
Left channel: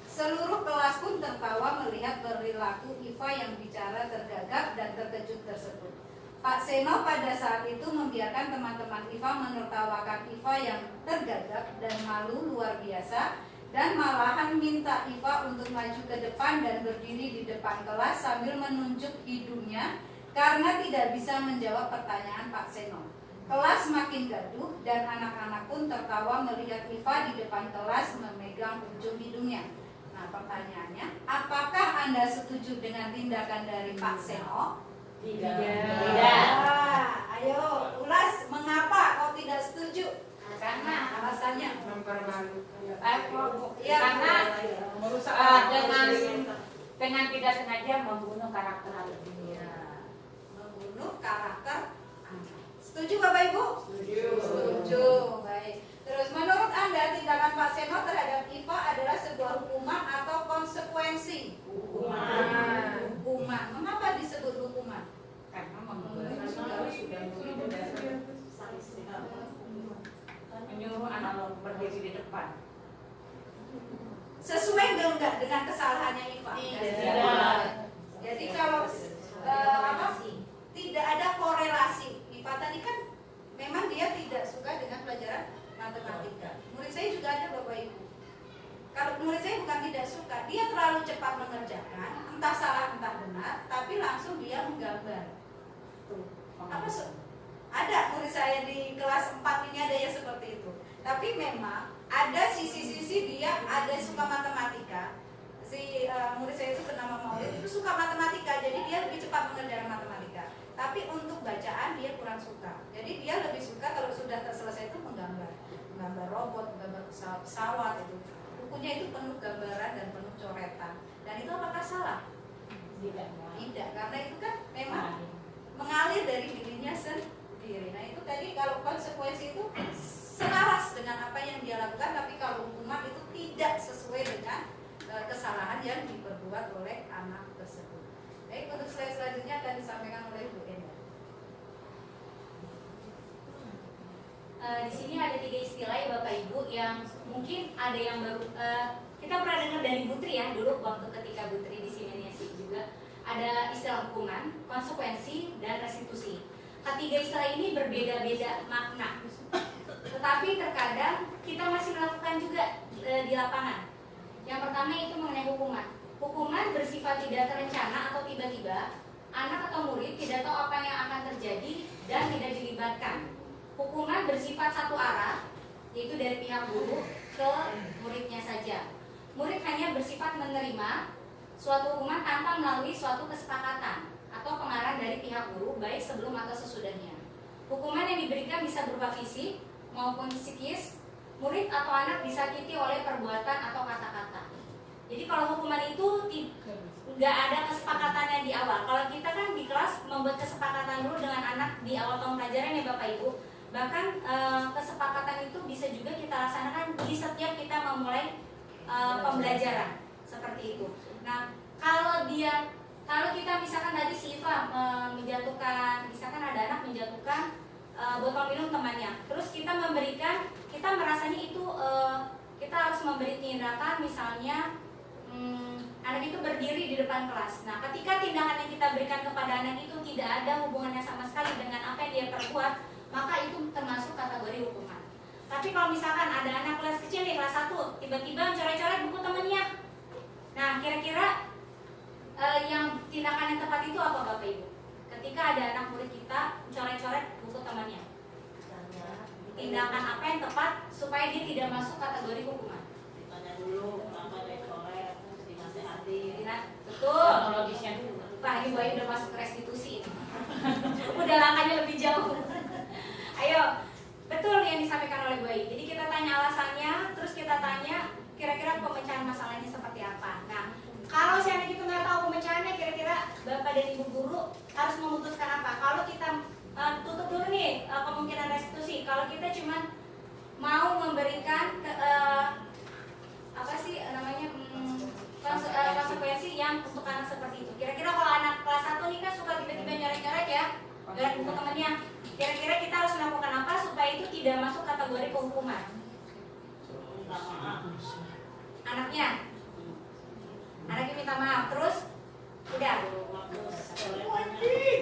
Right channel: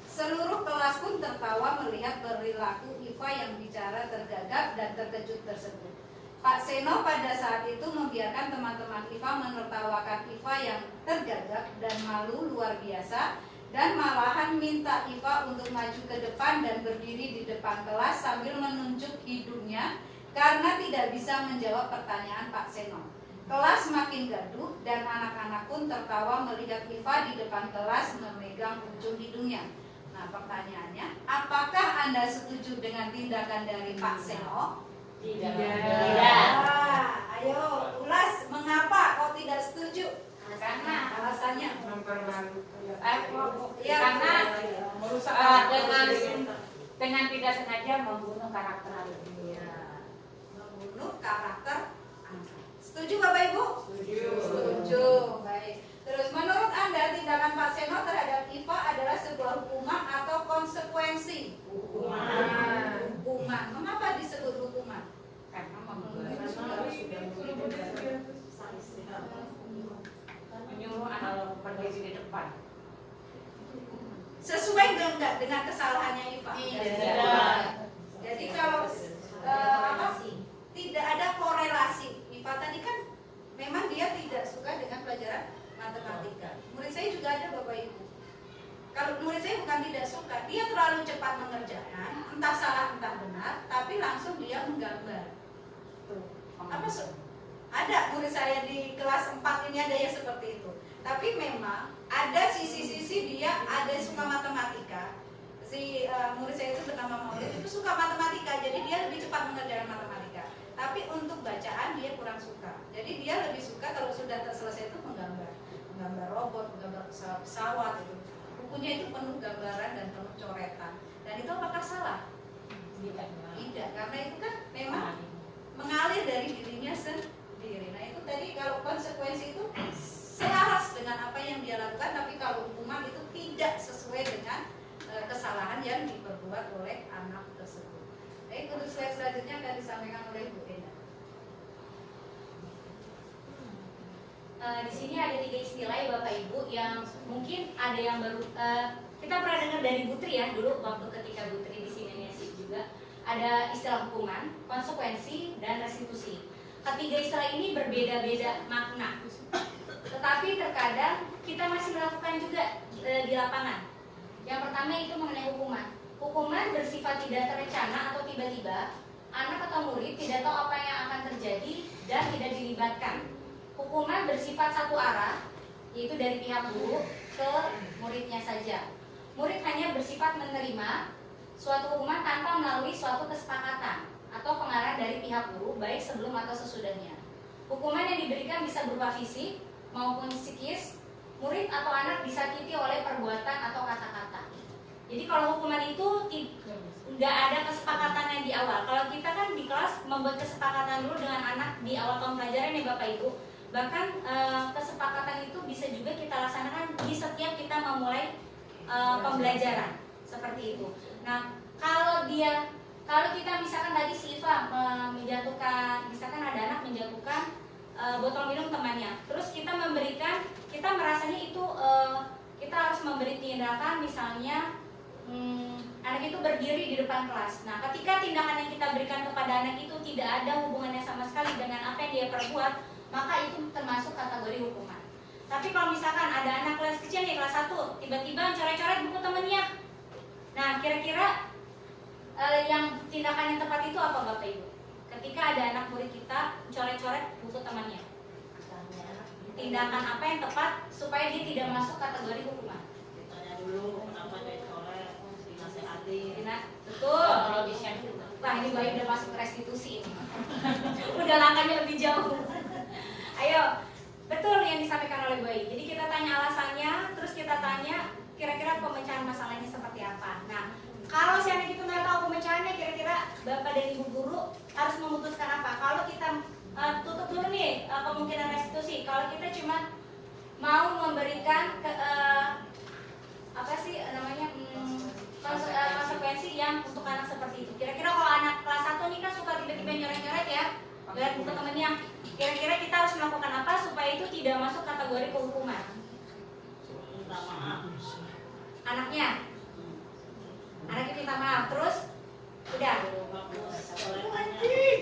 Seluruh kelas pun tertawa melihat perilaku Iva yang bicara tergagap dan terkejut tersebut. Pak Seno pada saat itu membiarkan teman-teman Iva menertawakan Iva yang tergagap dan malu luar biasa, dan malahan minta Iva untuk maju ke depan dan berdiri di depan kelas sambil menunjuk hidungnya karena tidak bisa menjawab pertanyaan Pak Seno. Kelas makin gaduh dan anak-anak pun tertawa melihat Iva di depan kelas memegang ujung hidungnya. Nah, pertanyaannya, apakah Anda setuju dengan tindakan dari Pak Seno? Tidak. Wah, ayo ulas mengapa kau tidak setuju? Karena Alasannya? ya, karena merusak dengan tidak sengaja membunuh karakter dia. Membunuh karakter anak. Setuju Bapak Ibu? Setuju. Baik. Terus menurut Anda tindakan Pak Seno terhadap Iva adalah sebuah hukuman atau konsekuensi? Hukuman. Mengapa disebut hukuman? Karena menyuruh anak berdiri di depan. Sesuai enggak dengan kesalahannya Iva? Tidak. Jadi kalau tidak ada korelasi. Iva tadi kan memang dia tidak suka dengan pelajaran matematika. Murid saya juga ada Bapak Ibu. Kalau murid saya bukan tidak suka, dia terlalu cepat mengerjakan, entah salah entah benar, tapi langsung dia menggambar. Tuh. Ada murid saya di kelas 4 ini ada yang seperti itu. Tapi memang ada sisi-sisi dia ada yang suka matematika. Si murid saya itu bernama Maulid itu suka matematika, jadi dia lebih cepat mengerjakan matematika. Tapi untuk bacaan dia kurang suka. Jadi dia lebih suka kalau sudah selesai itu menggambar robot, menggambar pesawat itu. Bukunya itu penuh gambaran dan penuh coretan. Dan itu apakah salah? Tidak, karena itu kan memang mengalir dari dirinya sendiri. Nah itu tadi kalau konsekuensi itu selaras dengan apa yang dia lakukan, tapi kalau hukuman itu tidak sesuai dengan kesalahan yang diperbuat oleh anak tersebut. Baik, untuk slide selanjutnya akan disampaikan oleh Bu Enda. Di sini ada 3 istilah ya Bapak Ibu yang mungkin ada yang baru kita pernah dengar dari Butri ya dulu waktu ketika Butri di Simeniasi juga ada istilah hukuman, konsekuensi, dan restitusi. Ketiga istilah ini berbeda-beda makna, tetapi terkadang kita masih melakukan juga di lapangan. Yang pertama itu mengenai hukuman. Hukuman bersifat tidak terencana atau tiba-tiba, anak atau murid tidak tahu apa yang akan terjadi dan tidak dilibatkan. Hukuman bersifat satu arah, yaitu dari pihak guru ke muridnya saja. Murid hanya bersifat menerima suatu hukuman tanpa melalui suatu kesepakatan atau pengarahan dari pihak guru, baik sebelum atau sesudahnya. Hukuman yang diberikan bisa berupa fisik maupun psikis. Murid atau anak disakiti oleh perbuatan atau kata-kata. Jadi kalau hukuman itu nggak ada kesepakatannya di awal. Kalau kita kan di kelas membuat kesepakatan dulu dengan anak di awal tahun pelajaran ya Bapak Ibu. Bahkan kesepakatan itu bisa juga kita laksanakan di setiap kita memulai pembelajaran seperti itu. Nah, kalau kita misalkan tadi si Iva menjatuhkan, misalkan ada anak menjatuhkan botol minum temannya, terus kita merasanya itu kita harus memberi tindakan, misalnya anak itu berdiri di depan kelas. Nah, ketika tindakan yang kita berikan kepada anak itu tidak ada hubungannya sama sekali dengan apa yang dia perbuat, maka itu termasuk kategori hukuman. Tapi kalau misalkan ada anak kelas kecil nih, kelas 1, tiba-tiba coret-coret buku temennya. Nah, kira-kira yang tindakan yang tepat itu apa Bapak Ibu? Ketika ada anak murid kita coret-coret buku temannya, tindakan apa yang tepat supaya dia tidak masuk kategori hukuman? Ditanya dulu kenapa dia coret, dinasehati. Betul. Kronologisnya dulu. Wah, ini Bayi udah masuk restitusi ini. Udah langkahnya lebih jauh. Ayo, betul yang disampaikan oleh Bayi. Jadi kita tanya alasannya, terus kita tanya kira-kira pemecahan masalahnya seperti apa. Nah, kalau si anak itu nggak tahu pemecahannya, kira-kira Bapak dan Ibu guru harus memutuskan apa? Kalau kita Kalau kita cuma mau memberikan apa sih namanya konsekuensi yang untuk anak seperti itu. Kira-kira kalau anak kelas 1 nih kan suka tiba-tiba nyoret-nyoret ya, lihat buku temennya. Kira-kira kita harus melakukan apa supaya itu tidak masuk kategori penghukuman? Minta maaf. Anaknya minta maaf, terus udah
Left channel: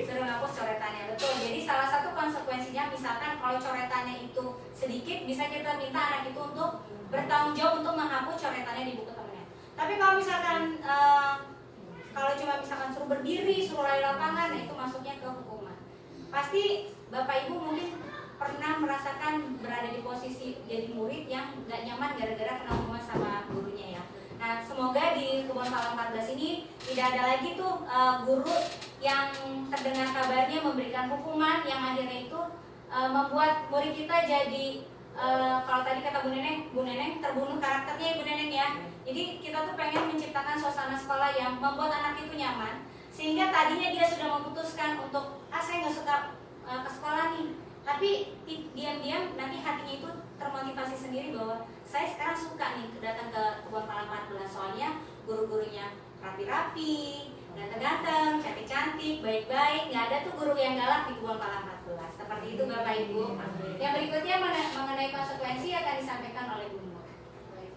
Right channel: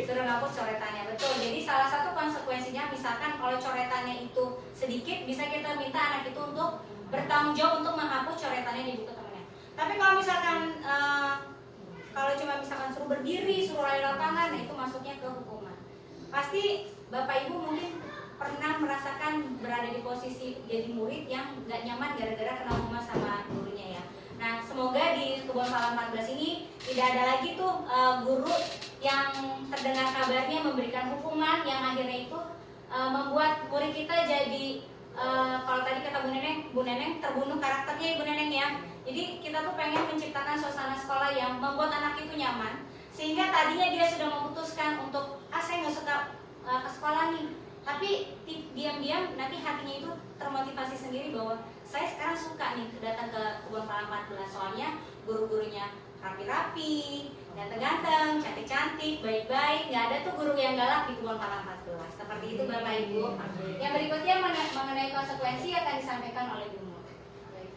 suruh ngapus coretannya. Betul. Jadi salah satu konsekuensinya, misalkan kalau coretannya itu sedikit, bisa kita minta anak itu untuk bertanggung jawab untuk menghapus coretannya di buku temennya. Tapi kalau misalkan kalau cuma misalkan suruh berdiri, suruh lari lapangan, nah itu masuknya ke hukuman. Pasti Bapak Ibu mungkin pernah merasakan berada di posisi jadi murid yang gak nyaman gara-gara kena hukuman sama gurunya ya. Nah, semoga di Kebun Pala 14 ini tidak ada lagi tuh guru yang terdengar kabarnya memberikan hukuman yang akhirnya itu membuat murid kita jadi kalau tadi kata Bu Neneng terbunuh karakternya Ibu Neneng ya. Jadi kita tuh pengen menciptakan suasana sekolah yang membuat anak itu nyaman, sehingga tadinya dia sudah memutuskan untuk saya nggak suka ke sekolah nih, tapi diam-diam nanti hatinya itu termotivasi sendiri bahwa saya sekarang suka nih datang ke Kebun Pala 14, soalnya guru-gurunya rapi-rapi, ganteng-ganteng, cantik-cantik, baik-baik, nggak ada tuh guru yang galak di Kebun Pala 14. Seperti itu Bapak Ibu. Yang berikutnya mengenai konsekuensi akan disampaikan oleh Bu Nur. Baik.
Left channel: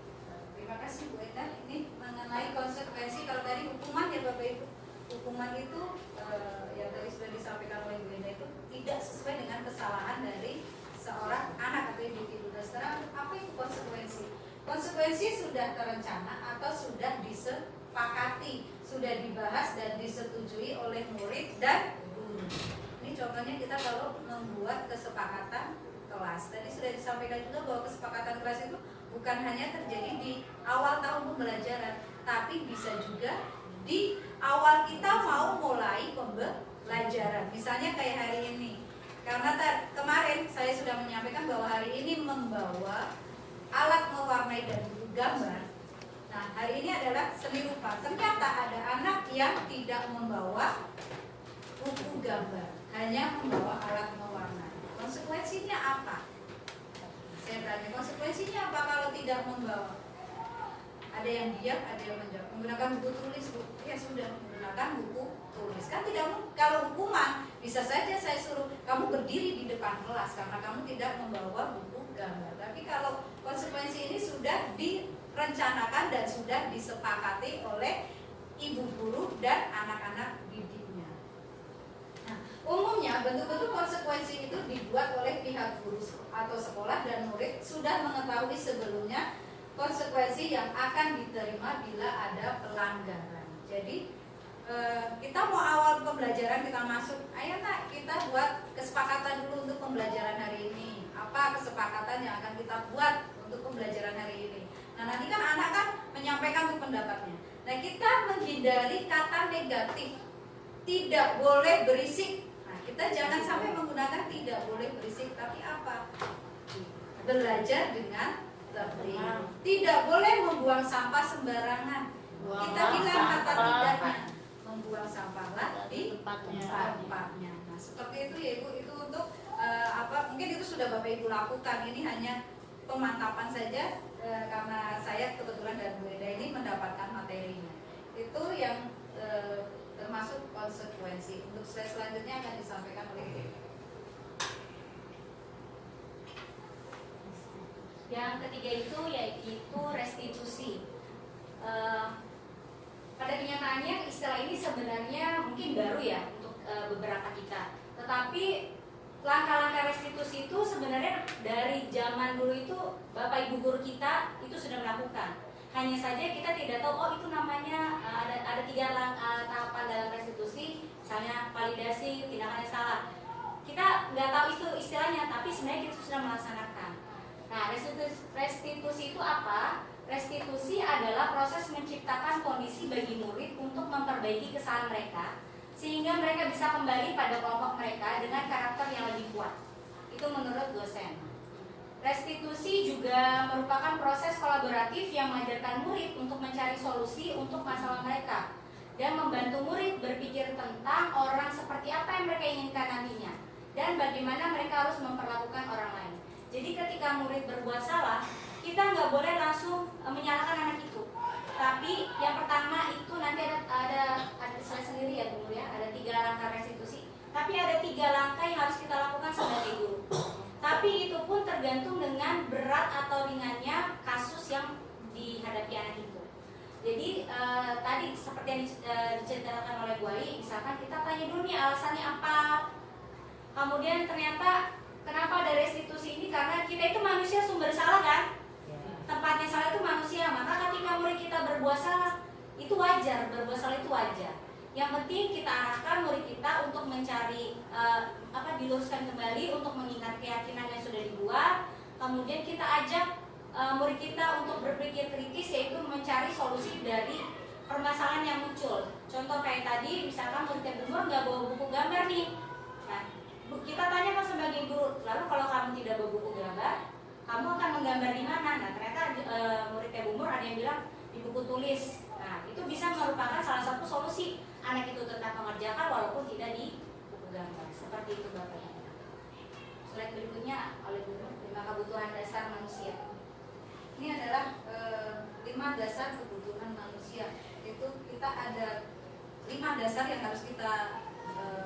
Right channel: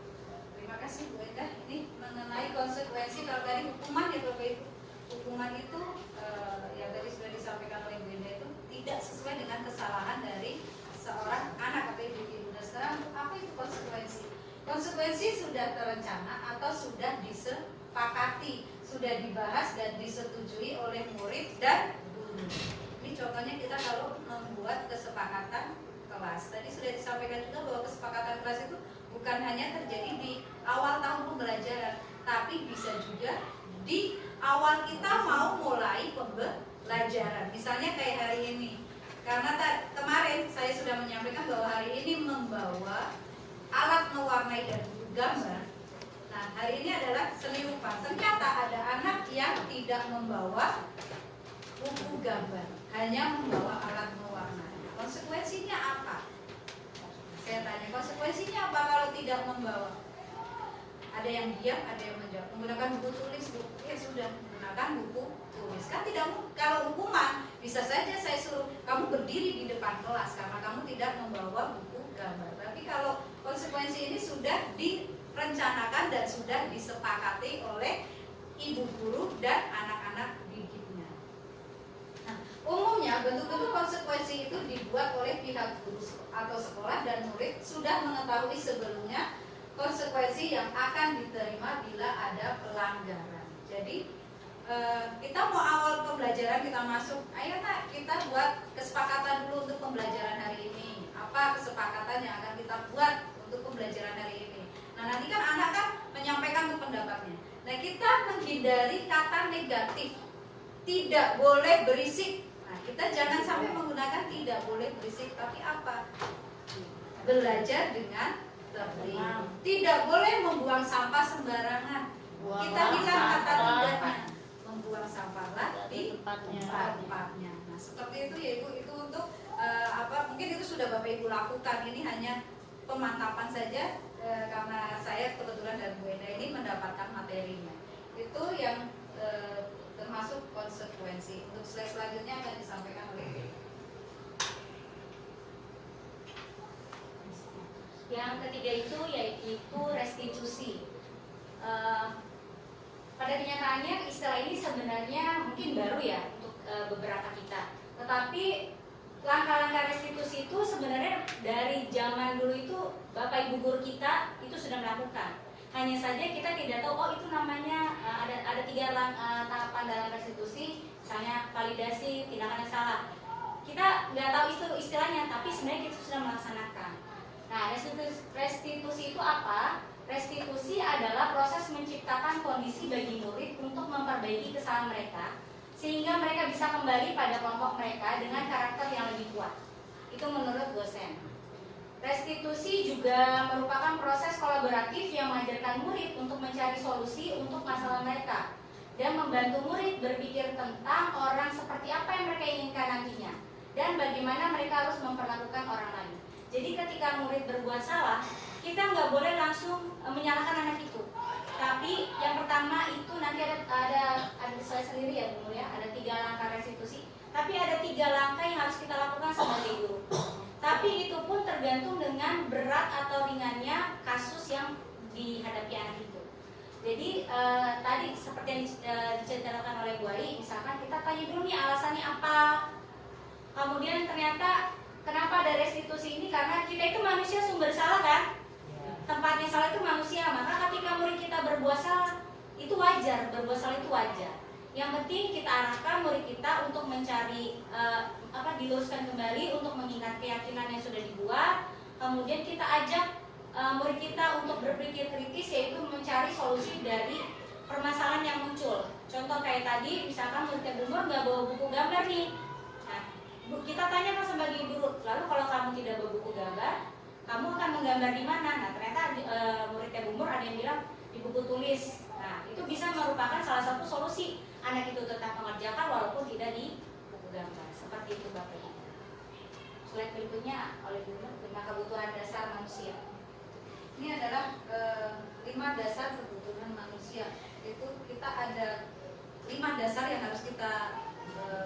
Terima kasih Bu Eda. Ini mengenai konsekuensi, kalau tadi hukuman ya Bapak Ibu, hukuman itu yang tadi sudah disampaikan oleh Bu Eda itu tidak sesuai dengan kesalahan dari seorang anak atau individu. Dan sekarang apa itu konsekuensi? Konsekuensi sudah terencana atau sudah disepakati, sudah dibahas dan disetujui oleh murid dan guru. Ini contohnya kita kalau membuat kesepakatan kelas. Tadi sudah disampaikan juga bahwa kesepakatan kelas itu bukan hanya terjadi di awal tahun pembelajaran, tapi bisa juga di awal kita mau mulai pembelajaran. Misalnya kayak hari ini. Karena kemarin saya sudah menyampaikan bahwa hari ini membawa alat mewarnai dan buku gambar. Nah, hari ini adalah seni rupa. Ternyata ada anak yang tidak membawa buku gambar, hanya membawa alat mewarnai. Konsekuensinya apa? Saya tanya, konsekuensinya apa kalau tidak membawa? Ada yang diam, ada yang menjawab. Menggunakan buku tulis, ya sudah menggunakan buku tulis. Kan tidak, kalau hukuman bisa saja saya suruh kamu berdiri di depan kelas karena kamu tidak membawa buku gambar. Tapi kalau konsekuensi ini sudah direncanakan dan sudah disepakati oleh ibu guru dan anak-anak didiknya. Nah, umumnya bentuk-bentuk konsekuensi itu dibuat oleh pihak guru atau sekolah dan murid sudah mengetahui sebelumnya konsekuensi yang akan diterima bila ada pelanggaran. Jadi kita mau awal pembelajaran kita masuk, ayo nak kita buat kesepakatan dulu untuk pembelajaran hari ini. Apa kesepakatan yang akan kita buat untuk pembelajaran hari ini? Nah, nanti kan anak kan menyampaikan pendapatnya. Nah, kita menghindari kata negatif, tidak boleh berisik. Nah, kita jangan sampai menggunakan tidak boleh berisik, tapi apa? Belajar dengan tertib. Tidak boleh membuang sampah sembarangan. Kita bilang kata tidaknya, membuang sampahlah di tempatnya. Nah, seperti itu ya Ibu, itu untuk mungkin itu sudah Bapak Ibu lakukan. Ini hanya pemantapan saja karena saya kebetulan dan Bu Eda ini mendapatkan materinya. Itu yang termasuk konsekuensi. Untuk slide selanjutnya akan disampaikan oleh Bu Eda. Yang ketiga itu yaitu restitusi. Pada kenyataannya istilah ini sebenarnya mungkin baru ya untuk beberapa kita. Tetapi langkah-langkah restitusi itu sebenarnya dari zaman dulu itu Bapak Ibu guru kita itu sudah melakukan. Hanya saja kita tidak tahu, oh itu namanya ada 3 tahapan dalam restitusi, misalnya validasi, tindakan yang salah. Kita nggak tahu itu istilahnya, tapi sebenarnya kita sudah melaksanakan. Nah, restitusi itu apa? Restitusi adalah proses menciptakan kondisi bagi murid untuk memperbaiki kesalahan mereka sehingga mereka bisa kembali pada kelompok mereka dengan karakter yang lebih kuat. Itu menurut dosen. Restitusi juga merupakan proses kolaboratif yang mengajarkan murid untuk mencari solusi untuk masalah mereka dan membantu murid berpikir tentang orang seperti apa yang mereka inginkan nantinya dan bagaimana mereka harus memperlakukan orang lain. Jadi ketika murid berbuat salah, kita nggak boleh langsung menyalahkan anak itu. Tapi yang pertama itu nanti ada saya sendiri ya dulu ya, ada 3 langkah restitusi. Tapi ada 3 langkah yang harus kita lakukan sebagai guru. Tapi itu pun tergantung dengan berat atau ringannya kasus yang dihadapi anak itu. Jadi tadi seperti yang diceritakan oleh Bu Ai, misalkan kita tanya dulu nih alasannya apa. Kemudian ternyata kenapa ada restitusi ini, karena kita itu manusia sumber salah kan. Tempatnya salah itu manusia, maka ketika murid kita berbuat salah itu wajar, berbuat salah itu wajar. Yang penting kita arahkan murid kita untuk mencari diluruskan kembali untuk mengingat keyakinan yang sudah dibuat. Kemudian kita ajak murid kita untuk berpikir kritis, yaitu mencari solusi dari permasalahan yang muncul. Contoh kayak tadi, misalkan murid umur nggak bawa buku gambar nih. Nah, kita tanyakan sebagai guru, lalu kalau kamu tidak bawa buku gambar, kamu akan menggambar di mana? Nah, ternyata murid umur ada yang bilang di buku tulis. Nah, itu bisa merupakan salah satu solusi anak itu tetap mengerjakan walaupun tidak di buku gambar. Seperti itu Bapak Ibu. Slide berikutnya oleh Bu Nur, 5 kebutuhan dasar manusia. Ini adalah 5 dasar kebutuhan manusia. Itu kita ada 5 dasar yang harus kita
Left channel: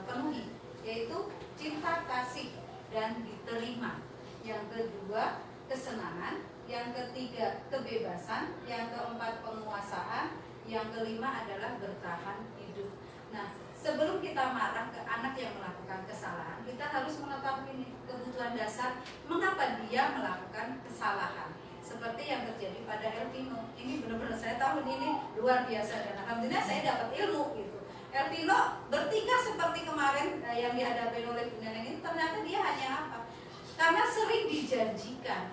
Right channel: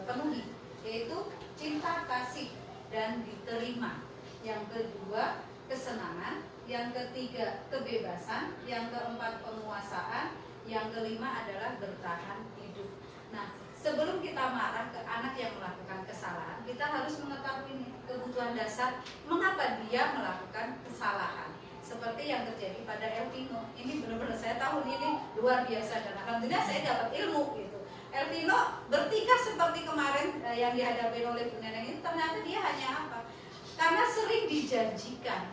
penuhi, yaitu cinta, kasih, dan diterima. Yang kedua, kesenangan. Yang ketiga, kebebasan. Yang keempat, penguasaan. Yang kelima adalah bertahan hidup. Nah, sebelum kita marah ke anak yang melakukan kesalahan, kita harus mengetahui kebutuhan dasar mengapa dia melakukan kesalahan. Seperti yang terjadi pada Elvino, ini benar-benar saya tahun ini luar biasa dan alhamdulillah saya dapat ilmu gitu. Elvino bertingkah seperti kemarin yang dihadapi oleh Bu Neneng ini, ternyata dia hanya apa? Karena sering dijanjikan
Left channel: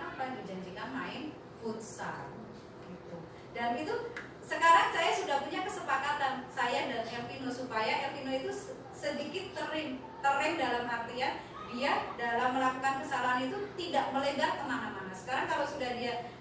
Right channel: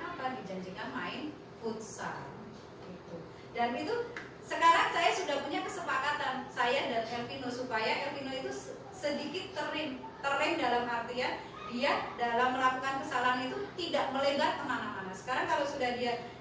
apa? Dijanjikan main futsal gitu. Dan itu sekarang saya sudah punya kesepakatan saya dan Elvino supaya Elvino itu sedikit terrem dalam artian dia dalam melakukan kesalahan itu tidak melebar kemana-mana. Sekarang kalau sudah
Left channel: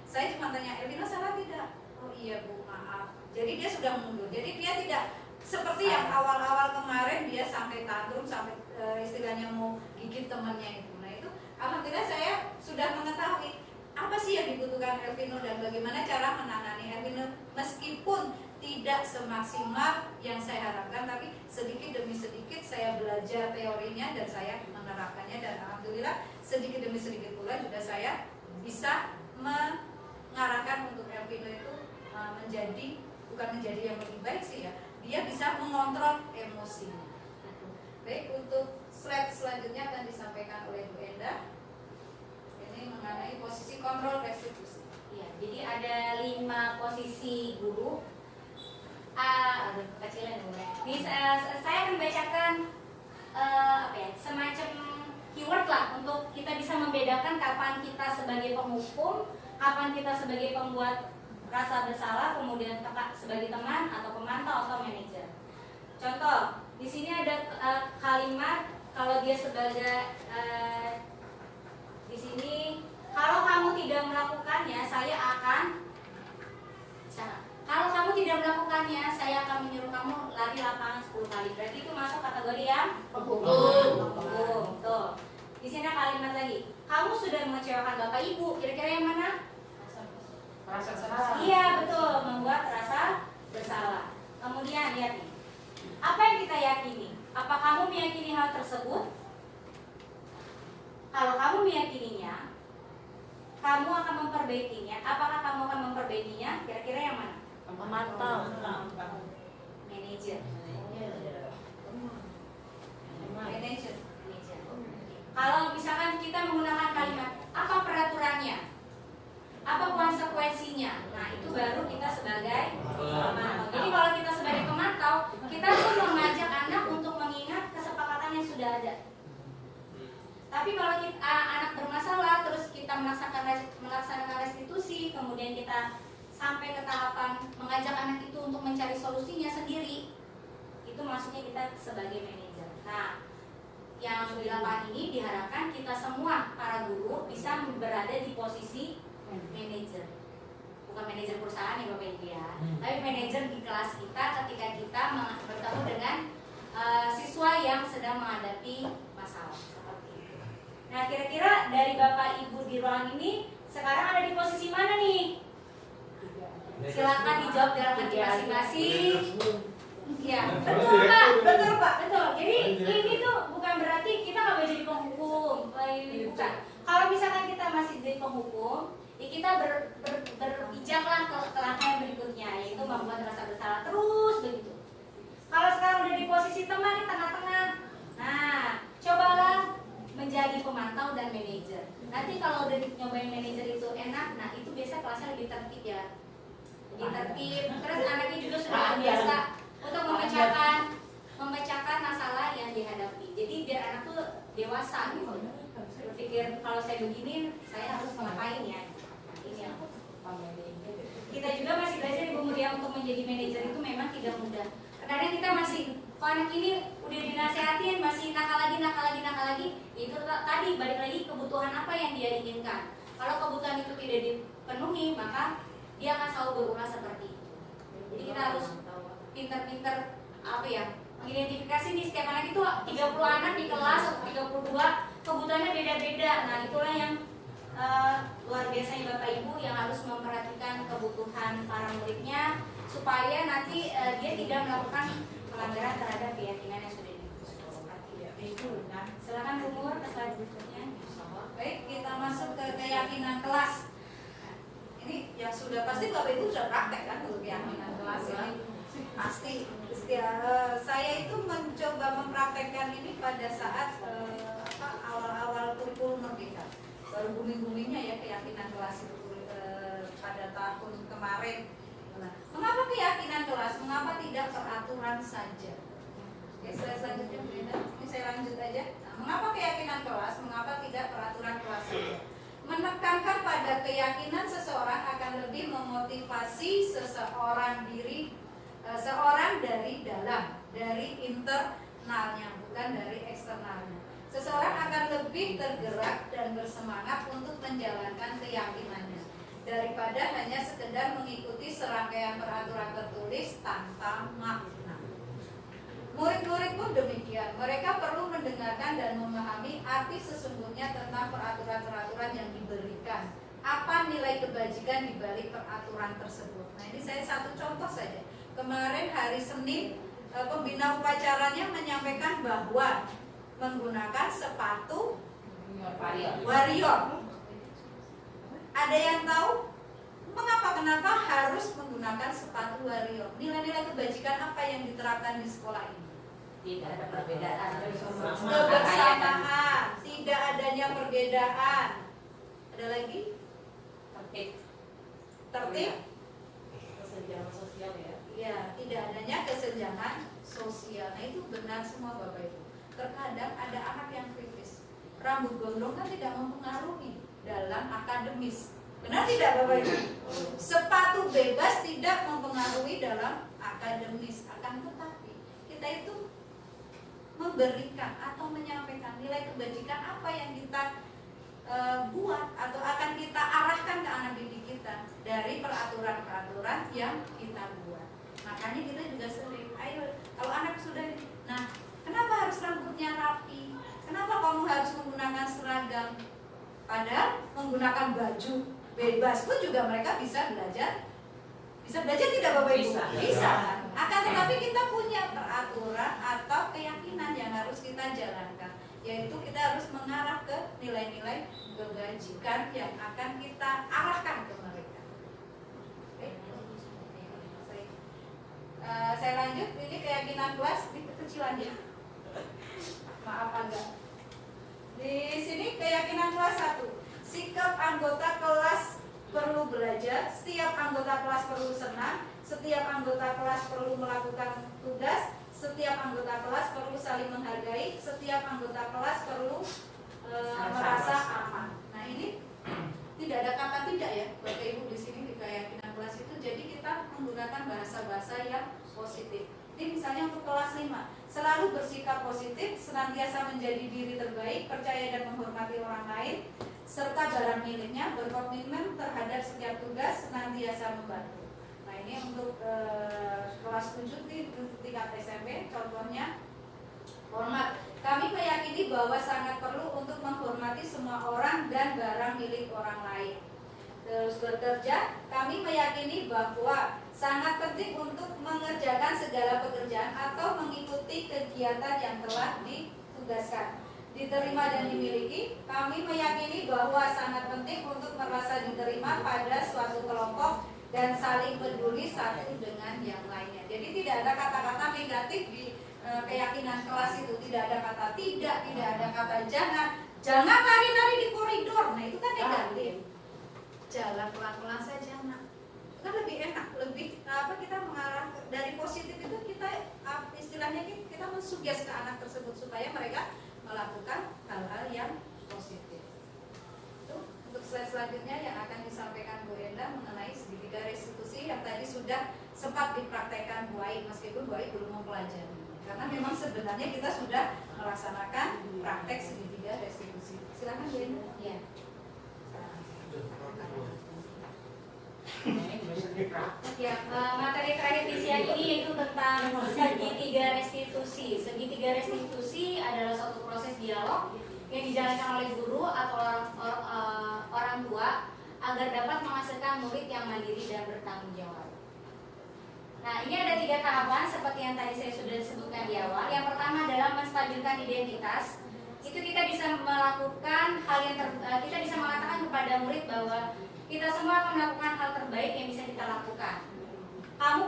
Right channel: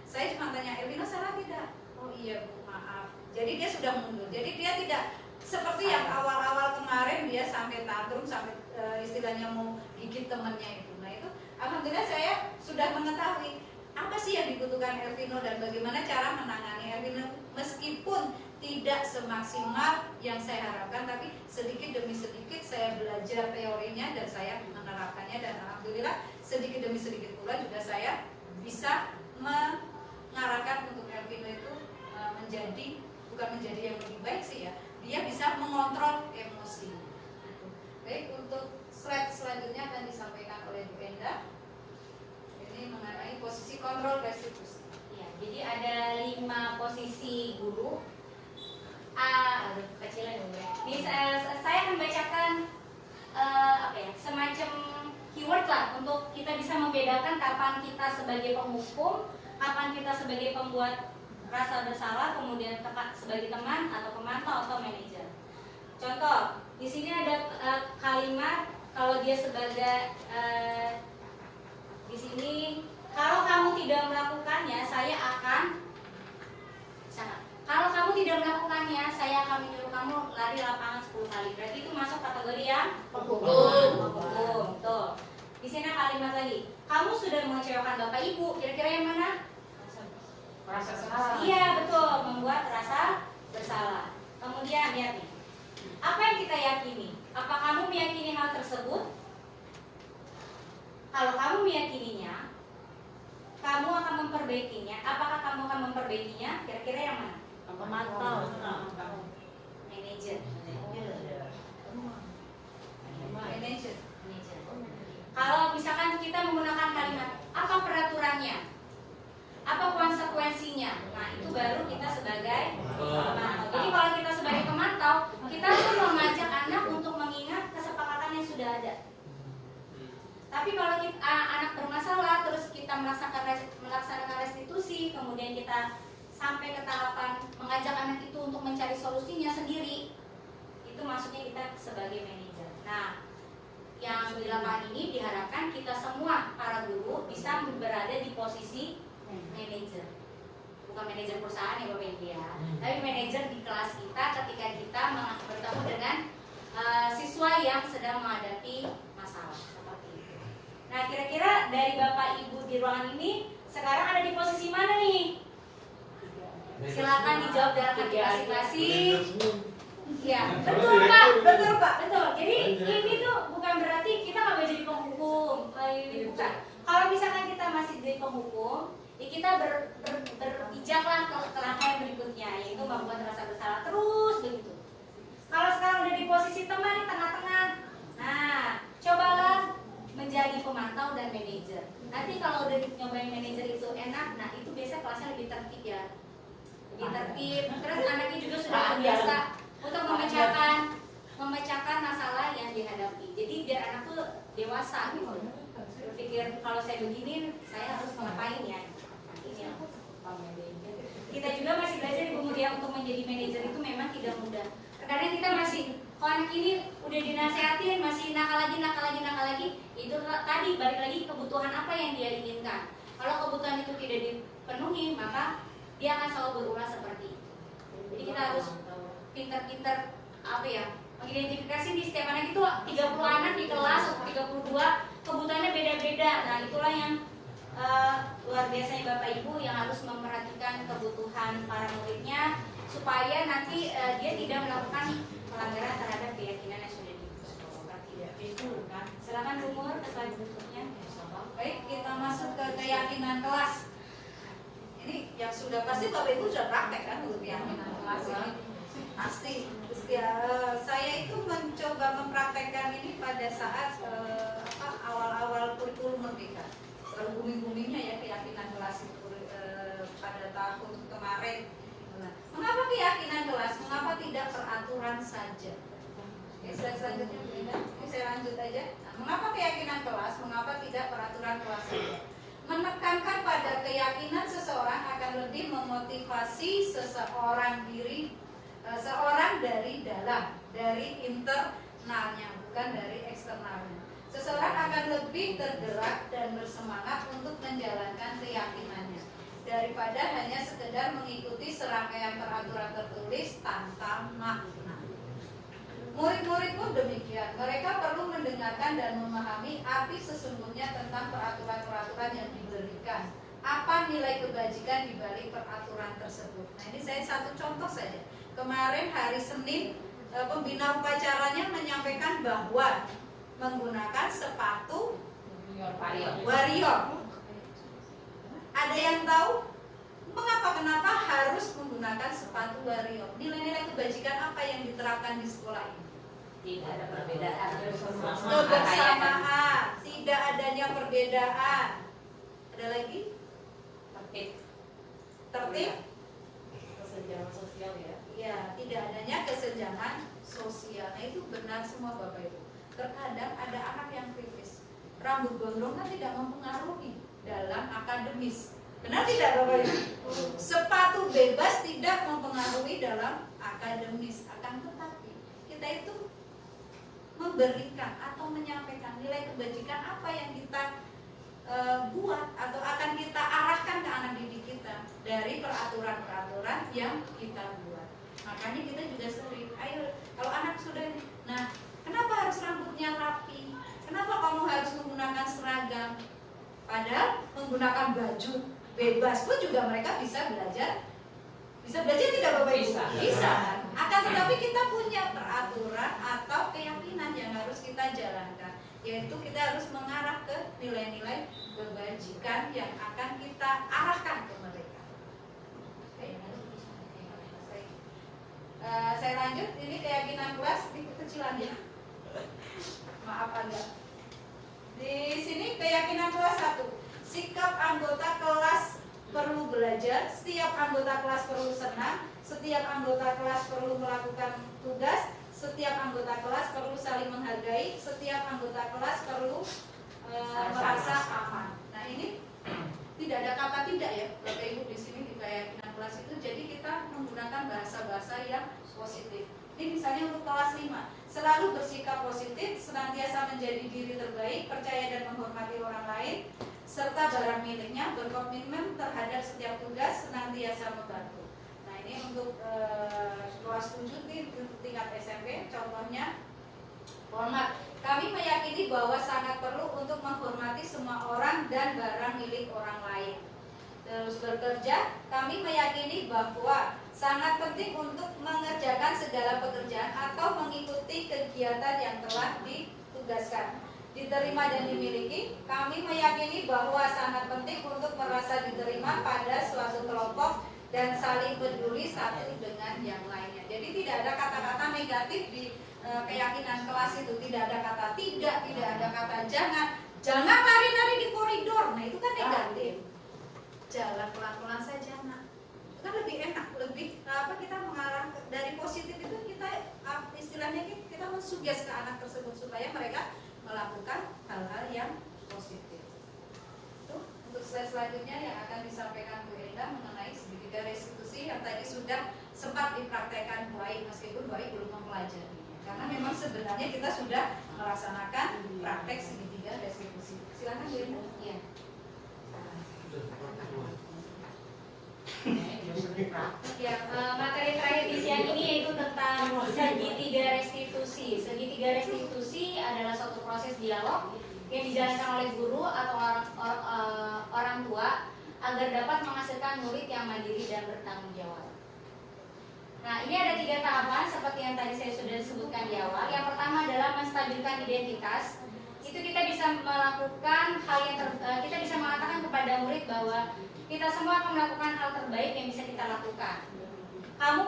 saya cuma tanya, Elvino salah tidak? Oh iya Bu, maaf. Jadi dia sudah mundur. Jadi dia tidak seperti yang awal-awal kemarin dia sampai tantrum, sampai istilahnya mau gigit temannya itu. Nah itu, alhamdulillah saya sudah mengetahui apa sih yang dibutuhkan Elvino dan bagaimana cara menangani Elvino meskipun tidak semaksimal yang saya harapkan, tapi sedikit demi sedikit saya belajar teorinya dan saya menerapkannya, dan alhamdulillah sedikit demi sedikit pula juga saya bisa mengarahkan untuk Elvino itu bukan menjadi yang lebih baik sih ya, dia bisa mengontrol emosi. Baik, untuk slide selanjutnya akan disampaikan oleh Bu Enda. Ini mengenai posisi kontrol restitusi. Ya, jadi ada 5 posisi guru. Kecilan dulu ya. Ini saya akan bacakan semacam keyword lah untuk kita bisa membedakan kapan kita sebagai penghukum, kapan kita sebagai pembuat rasa bersalah, kemudian sebagai teman atau pemantau atau manajer. Contoh, di sini ada kalimat kalau dia sebagai di sini, kalau kamu tidak melakukannya, saya akan kalau kamu tidak melakukannya, saya akan menyuruh kamu lari lapangan 10 kali. Berarti itu masuk kategori yang penghukum. Tuh. Di sini kalimat lagi. Kamu sudah mengecewakan Bapak Ibu. Kira-kira yang mana? Rasa salah. Iya, betul. Membuat rasa bersalah. Kemudian lihat nih. Apa yang kita yakini? Apa kamu meyakini hal tersebut? Kalau kamu meyakininya, kamu akan memperbaikinya. Apakah kamu akan memperbaikinya? Kira-kira yang mana? Pemantau. Manajer. Manajer. Kalau misalkan kita menggunakan kalimat apa peraturannya, apa konsekuensinya, nah itu baru kita sebagai pemantau. Jadi kalau kita sebagai pemantau, kita pun mengajak anak untuk mengingat kesepakatan yang sudah ada. Tapi kalau anak bermasalah terus kita melaksanakan restitusi, kemudian kita sampai ke tahapan mengajak anak itu untuk mencari solusinya sendiri, itu maksudnya kita sebagai manajer. Nah, yang di lapangan ini diharapkan kita semua para guru bisa berada di posisi manajer, bukan manajer perusahaan ya Bapak Ibu ya, tapi manajer di kelas kita ketika kita bertemu dengan siswa yang sedang menghadapi masalah seperti itu. Nah, kira-kira dari Bapak Ibu di ruangan ini sekarang ada di posisi mana nih? Silakan dijawab dengan hati masing-masing. Ya, betul Pak, betul Pak, betul. Jadi ini tuh bukan berarti kita nggak boleh jadi penghukum, ini bukan. Kalau misalkan kita masih jadi penghukum, ya kita berpijaklah ke langkah yang berikutnya, yaitu membuat rasa bersalah terus begitu. Kalau sekarang udah di posisi teman di tengah-tengah, nah cobalah menjadi pemantau dan manajer. Nanti kalau udah nyobain manajer itu enak, nah itu biasa kelasnya lebih tertib ya. Lebih tertib, terus anaknya juga sudah terbiasa untuk memecahkan masalah yang dihadapi. Jadi biar anak tuh dewasa gitu. Berpikir kalau saya begini, saya harus ngapain ya? Ini yang kita juga masih belajar di umur yang untuk menjadi manajer itu memang tidak mudah. Kadang kita masih, kalau anak ini udah dinasehatin masih nakal lagi, itu tadi balik lagi kebutuhan apa yang dia inginkan. Kalau kebutuhan itu tidak dipenuhi, maka dia akan selalu berulang seperti itu. Jadi kita harus pintar-pintar apa ya, mengidentifikasi di setiap anak itu 30 anak di kelas atau 32 kebutuhannya beda-beda. Nah itulah yang luar biasanya Bapak Ibu yang harus memperhatikan kebutuhan para muridnya supaya nanti dia tidak melakukan pelanggaran terhadap keyakinan yang sudah Itu kan. Silakan umur slide berikutnya. Baik, kita masuk ke keyakinan kelas. Ini yang sudah pasti Bapak Ibu sudah praktek kan untuk keyakinan kelas ini. Pasti. Saya itu mencoba mempraktekkan ini pada saat awal-awal kurikulum merdeka. Booming-boomingnya ya keyakinan kelas itu pada tahun kemarin. Nah, mengapa keyakinan kelas? Mengapa tidak peraturan saja? Ya, selanjutnya Brenda. Ini saya lanjut aja. Nah, mengapa keyakinan kelas? Mengapa tidak peraturan kelas saja? Menekankan pada keyakinan seseorang akan lebih memotivasi seorang dari dalam, dari internalnya, bukan dari eksternalnya. Seseorang akan lebih tergerak dan bersemangat untuk menjalankan keyakinannya daripada hanya sekedar mengikuti serangkaian peraturan tertulis tanpa makna. Murid-murid pun demikian. Mereka perlu mendengarkan dan memahami arti sesungguhnya tentang peraturan-peraturan yang diberikan. Apa nilai kebajikan di balik peraturan tersebut? Nah, ini saya satu contoh saja. Kemarin hari Senin, pembina upacaranya menyampaikan bahwa menggunakan sepatu warrior. Ada yang tahu kenapa harus menggunakan sepatu warrior? Nilai-nilai kebajikan apa yang diterapkan di sekolah ini? Tidak ada perbedaan. Kebersamaan, tidak adanya perbedaan. Ada lagi? Tertib. Kesenjangan sosial ya. Ya, tidak adanya kesenjangan sosial. Nah, itu benar semua Bapak Ibu. Terkadang ada anak yang kritis. Rambut gondrong kan tidak mempengaruhi dalam akademis. Benar tidak Bapak Ibu? Sepatu bebas tidak mempengaruhi dalam akademis. Akan tetapi kita itu memberikan atau menyampaikan nilai kebajikan apa yang kita buat atau akan kita arahkan ke anak didik kita dari peraturan-peraturan yang kita buat. Makanya kita juga sering, ayo kalau anak sudah, nah kenapa harus rambutnya rapi? Kenapa kamu harus menggunakan seragam? Padahal menggunakan baju bebas pun juga mereka bisa belajar. Bisa belajar tidak Bapak Ibu? Bisa kan? Akan tetapi kita punya peraturan atau keyakinan yang harus kita jalankan, yaitu kita harus mengarah ke nilai-nilai kebajikan yang akan kita arahkan ke mereka. Saya lanjut, ini keyakinan kelas di kekecilan ya. Maaf agak. Di sini keyakinan kelas 1. Sikap anggota kelas perlu belajar, setiap anggota kelas perlu senang, setiap anggota kelas perlu melakukan tugas, setiap anggota kelas perlu saling menghargai, setiap anggota kelas perlu merasa aman. Nah, ini tidak ada kata tidak ya Bapak Ibu di sini di keyakinan kelas itu. Jadi kita menggunakan bahasa-bahasa yang positif. Ini misalnya untuk kelas 5, selalu bersikap positif, senantiasa menjadi diri terbaik, percaya dan menghormati orang lain, serta barang miliknya, berkomitmen terhadap setiap tugas, senantiasa membantu. Nah, ini untuk kelas 7 di tingkat SMP, contohnya hormat. Kami meyakini bahwa sangat perlu untuk menghormati menghormati semua orang dan barang milik orang lain. Terus bekerja, kami meyakini bahwa sangat penting untuk mengerjakan segala pekerjaan atau mengikuti kegiatan yang telah ditugaskan, diterima dan dimiliki. Kami meyakini bahwa sangat penting untuk merasa diterima pada suatu kelompok dan saling peduli satu dengan yang lainnya. Jadi tidak ada kata-kata negatif di keyakinan kelas itu. Tidak ada kata tidak ada kata jangan lari-lari di koridor. Nah itu kan negatif. Jalan pelan-pelan saja, nak. Itu kan lebih enak, lebih kita mengarah dari positif itu, kita istilahnya kita mensuges ke anak tersebut supaya mereka melakukan hal-hal yang positif. Itu untuk slide selanjutnya yang akan disampaikan Bu Enda mengenai segitiga restitusi yang tadi sudah sempat dipraktekkan Bu Ai, meskipun Bu Ai belum mempelajari. Karena memang sebenarnya kita sudah melaksanakan praktek segitiga restitusi. Silakan Bu Enda. Ya. Ya, materi terakhir di siang ini yaitu tentang segitiga restitusi. Segitiga restitusi adalah suatu proses dialog yang dijalankan oleh guru atau orang tua agar dapat menghasilkan murid yang mandiri dan bertanggung jawab. Nah, ini ada 3 tahapan seperti yang tadi saya sudah sebutkan di awal. Yang pertama adalah menstabilkan identitas. Itu kita bisa melakukan hal yang kita bisa mengatakan kepada murid bahwa kita semua akan melakukan hal terbaik yang bisa kita lakukan. Kamu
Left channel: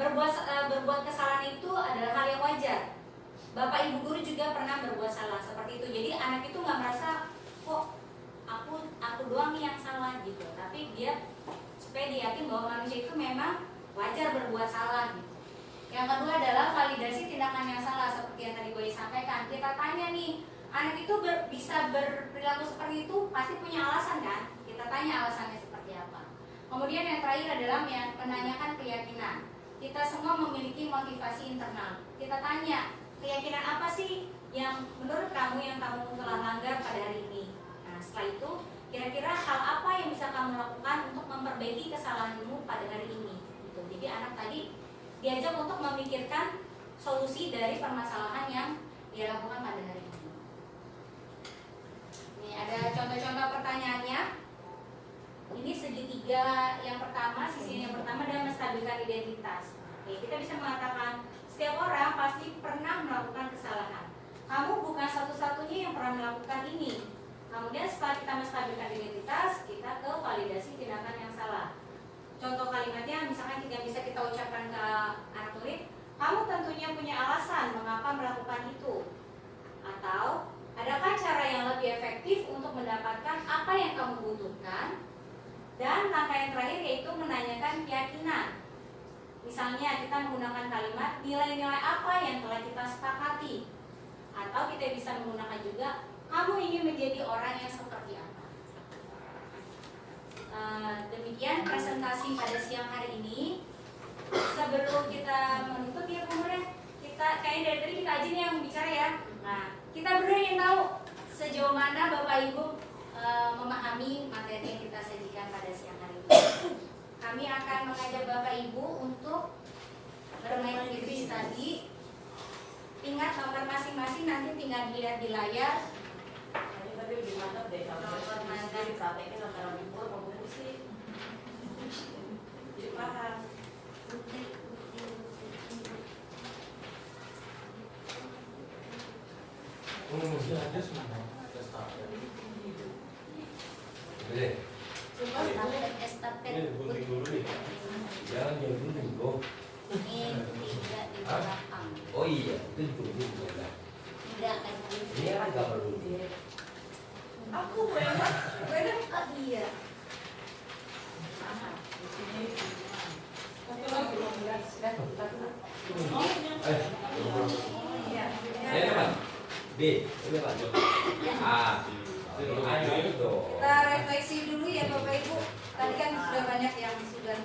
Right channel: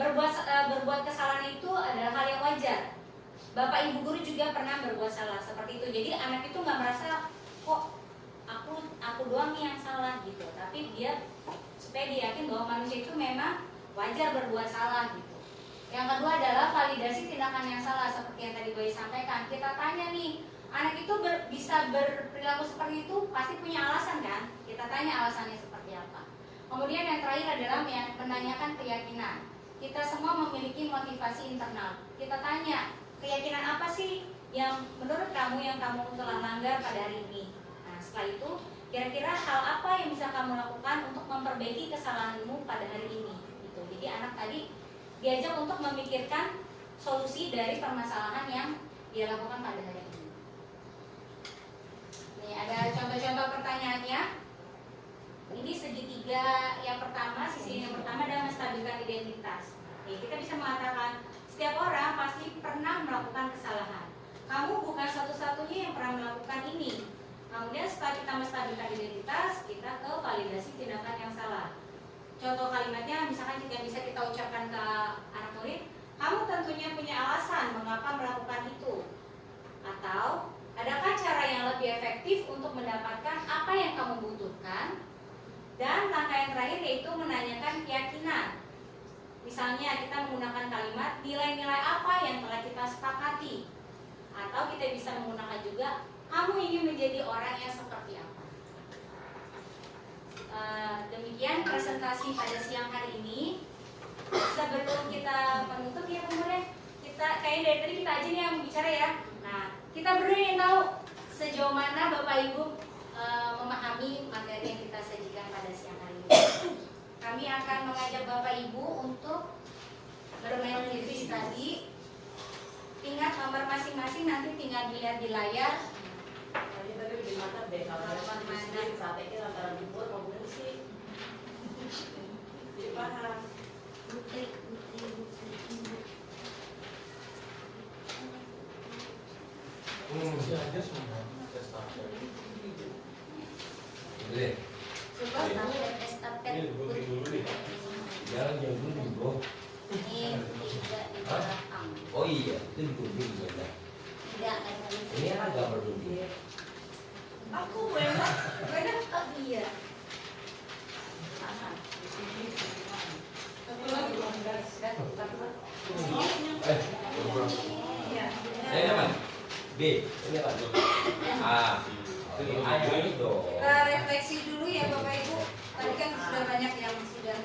berbuat kesalahan itu adalah hal yang wajar. Bapak ibu guru juga pernah berbuat salah seperti itu. Jadi anak itu nggak merasa kok aku doang nih yang salah gitu. Tapi dia supaya dia yakin bahwa manusia itu memang wajar berbuat salah gitu. Yang kedua adalah validasi tindakan yang salah seperti yang tadi Boy sampaikan. Kita tanya nih, anak itu bisa berperilaku seperti itu pasti punya alasan kan? Kita tanya alasannya seperti apa. Kemudian yang terakhir adalah menanyakan keyakinan. Kita semua memiliki motivasi internal. Kita tanya, keyakinan apa sih yang menurut kamu yang kamu telah langgar pada hari ini? Nah, setelah itu, kira-kira hal apa yang bisa kamu lakukan untuk memperbaiki kesalahanmu pada hari ini? Gitu. Jadi anak tadi diajak untuk memikirkan solusi dari permasalahan yang dia lakukan pada hari ini. Ini ada contoh-contoh pertanyaannya. Ini segitiga yang pertama, sisi yang pertama adalah menstabilkan identitas. Oke, kita bisa mengatakan setiap orang pasti pernah melakukan kesalahan. Kamu bukan satu-satunya yang pernah melakukan ini. Kemudian setelah kita menstabilkan identitas, kita ke validasi tindakan yang salah. Contoh kalimatnya misalkan jika bisa kita ucapkan ke anak murid, kamu tentunya punya alasan mengapa melakukan itu. Atau adakah cara yang lebih efektif untuk mendapatkan apa yang kamu butuhkan? Dan langkah yang terakhir yaitu menanyakan keyakinan. Misalnya kita menggunakan kalimat nilai-nilai apa yang telah kita sepakati. Atau kita bisa menggunakan juga kamu ingin menjadi orang yang seperti apa. Demikian presentasi pada siang hari ini. Sebelum kita menutup ya kemudian kita kayak dari tadi kita aja nih yang bicara ya. Nah, kita berdua yang tahu sejauh mana Bapak Ibu memahami materi yang kita sajikan pada siang hari ini. Kami akan mengajak Bapak Ibu untuk bermain review tadi. Ingat nomor masing-masing nanti tinggal dilihat di layar. Tadi gimana deh kalau saat ini antara libur mau sih? Jadi paham. Masih ada semua. Boleh. Ini gunting dulu nih. Jangan gunting dulu. Ini tidak di belakang. Oh iya, itu digunting ya. Tidak. Ini kan nggak perlu gunting. Aku enak. Oh iya. Ini Pak. B, ini Pak. A. Ini dong. Kita refleksi dulu ya Bapak Ibu. Tadi kan sudah banyak yang sudah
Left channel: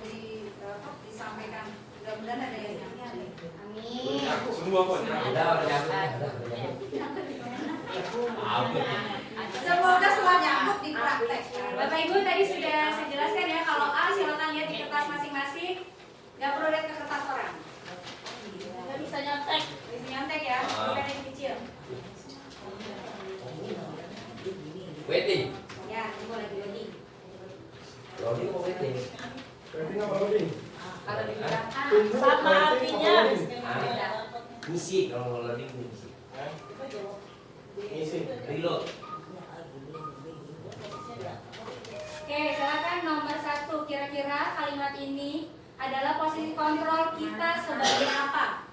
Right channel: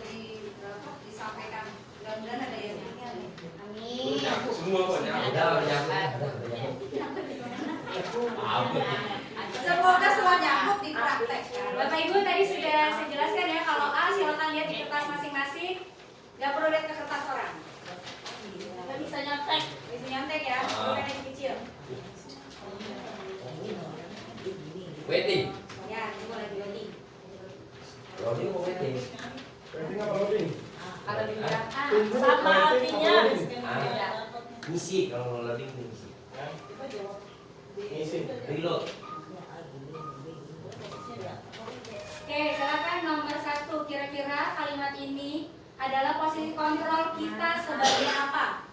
disampaikan. Mudah-mudahan ada yang nyanyi. Amin. Semua kok Udah. Semoga semua nyambung di praktek. Bapak Ibu tadi sudah saya jelaskan ya, kalau A silakan lihat di kertas masing-masing. Gak perlu lihat ke kertas orang. Gak bisa nyontek ya, bukan yang kecil. Wedding. Ya, ini mau lagi wedding. Loading mau wedding. Wedding apa loading? Kalau dibilang Sama artinya. Misi kalau mau loading misi. Misi. Reload. Oke, silakan nomor 1. Kira-kira kalimat ini adalah posisi kontrol kita sebagai apa?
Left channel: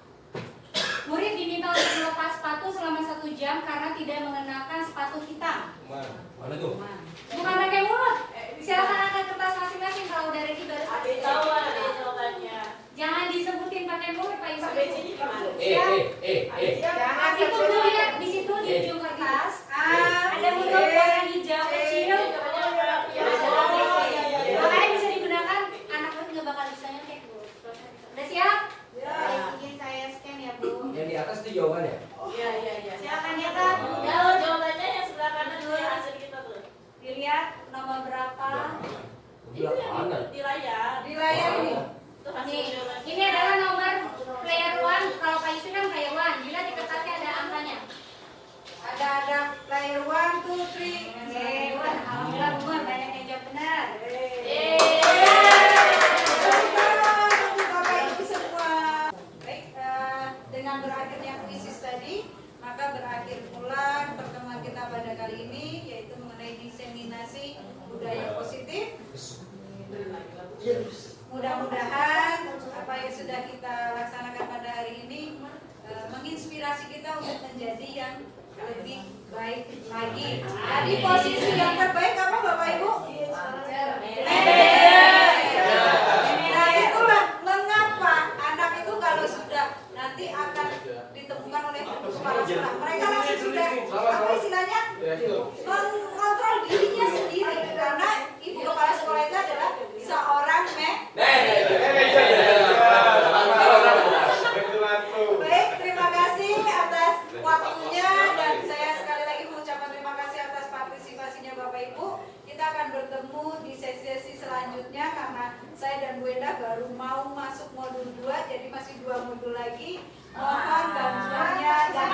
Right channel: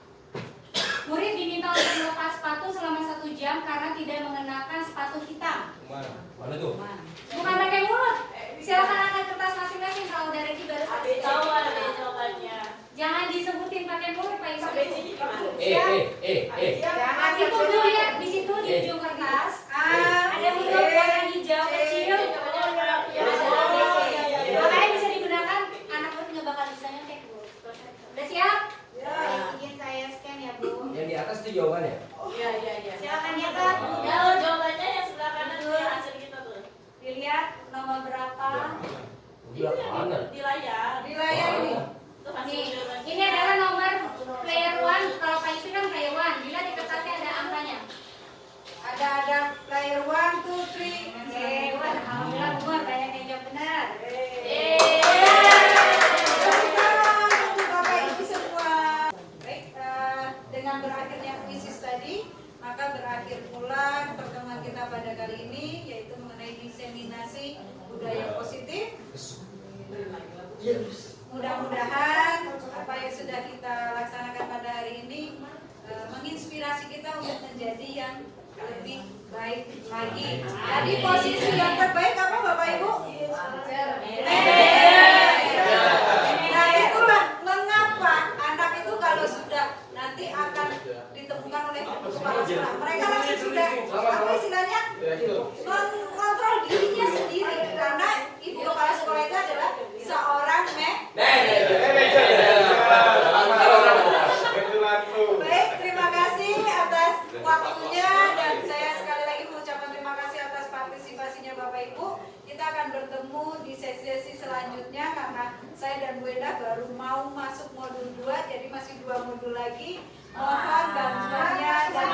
Murid diminta untuk melepas sepatu selama 1 jam karena tidak mengenakan sepatu hitam. Mana tuh? Bukan pakai mulut. Silakan angkat kertas masing-masing kalau dari itu baru Ada jawaban, ada jawabannya. jangan disebutin pakai mulut Pak Ibu. Sampai sini gimana? Jangan itu dulu ya, di situ di ujung kertas ada huruf warna hijau kecil. Makanya bisa digunakan anak pun nggak bakal bisa nyontek Bu. Udah siap? Ingin saya scan ya Bu. Yang di atas itu jawabannya. Iya. Silakan nyatet. Kalau jawabannya yang sebelah kanan dulu yang hasil kita tuh. Dilihat nomor berapa. Gila mana? Di layar. Di layar ini. Tuh hasil Nih, jawabannya. ini adalah nomor player 1. Kalau Pak itu kan player 1. Bila di kertasnya ada angkanya. Ada player 1, 2, 3. Player 1. Alhamdulillah Bu, banyak yang jawab benar. Bapak Ibu semua. Baik, dengan berakhirnya kuisis tadi, maka berakhir pula pertemuan kita pada kali ini, yaitu mengenai diseminasi budaya positif. Mudah-mudahan apa yang sudah kita laksanakan pada hari ini menginspirasi kita untuk menjadi yang lebih baik lagi. Jadi posisi yang terbaik apa Bapak Ibu? Nah itulah mengapa anak itu kalau sudah nanti akan ditemukan oleh kepala sekolah, mereka masih sudah apa istilahnya mengontrol dirinya sendiri, karena ibu kepala sekolah itu adalah seorang Baik, terima kasih atas waktunya dan saya sekali lagi mengucapkan terima kasih atas partisipasinya Bapak Ibu. Kita akan bertemu di sesi-sesi selanjutnya karena saya dan Bu Enda baru mau masuk modul 2, jadi masih 2 modul lagi. Mohon bantuannya dan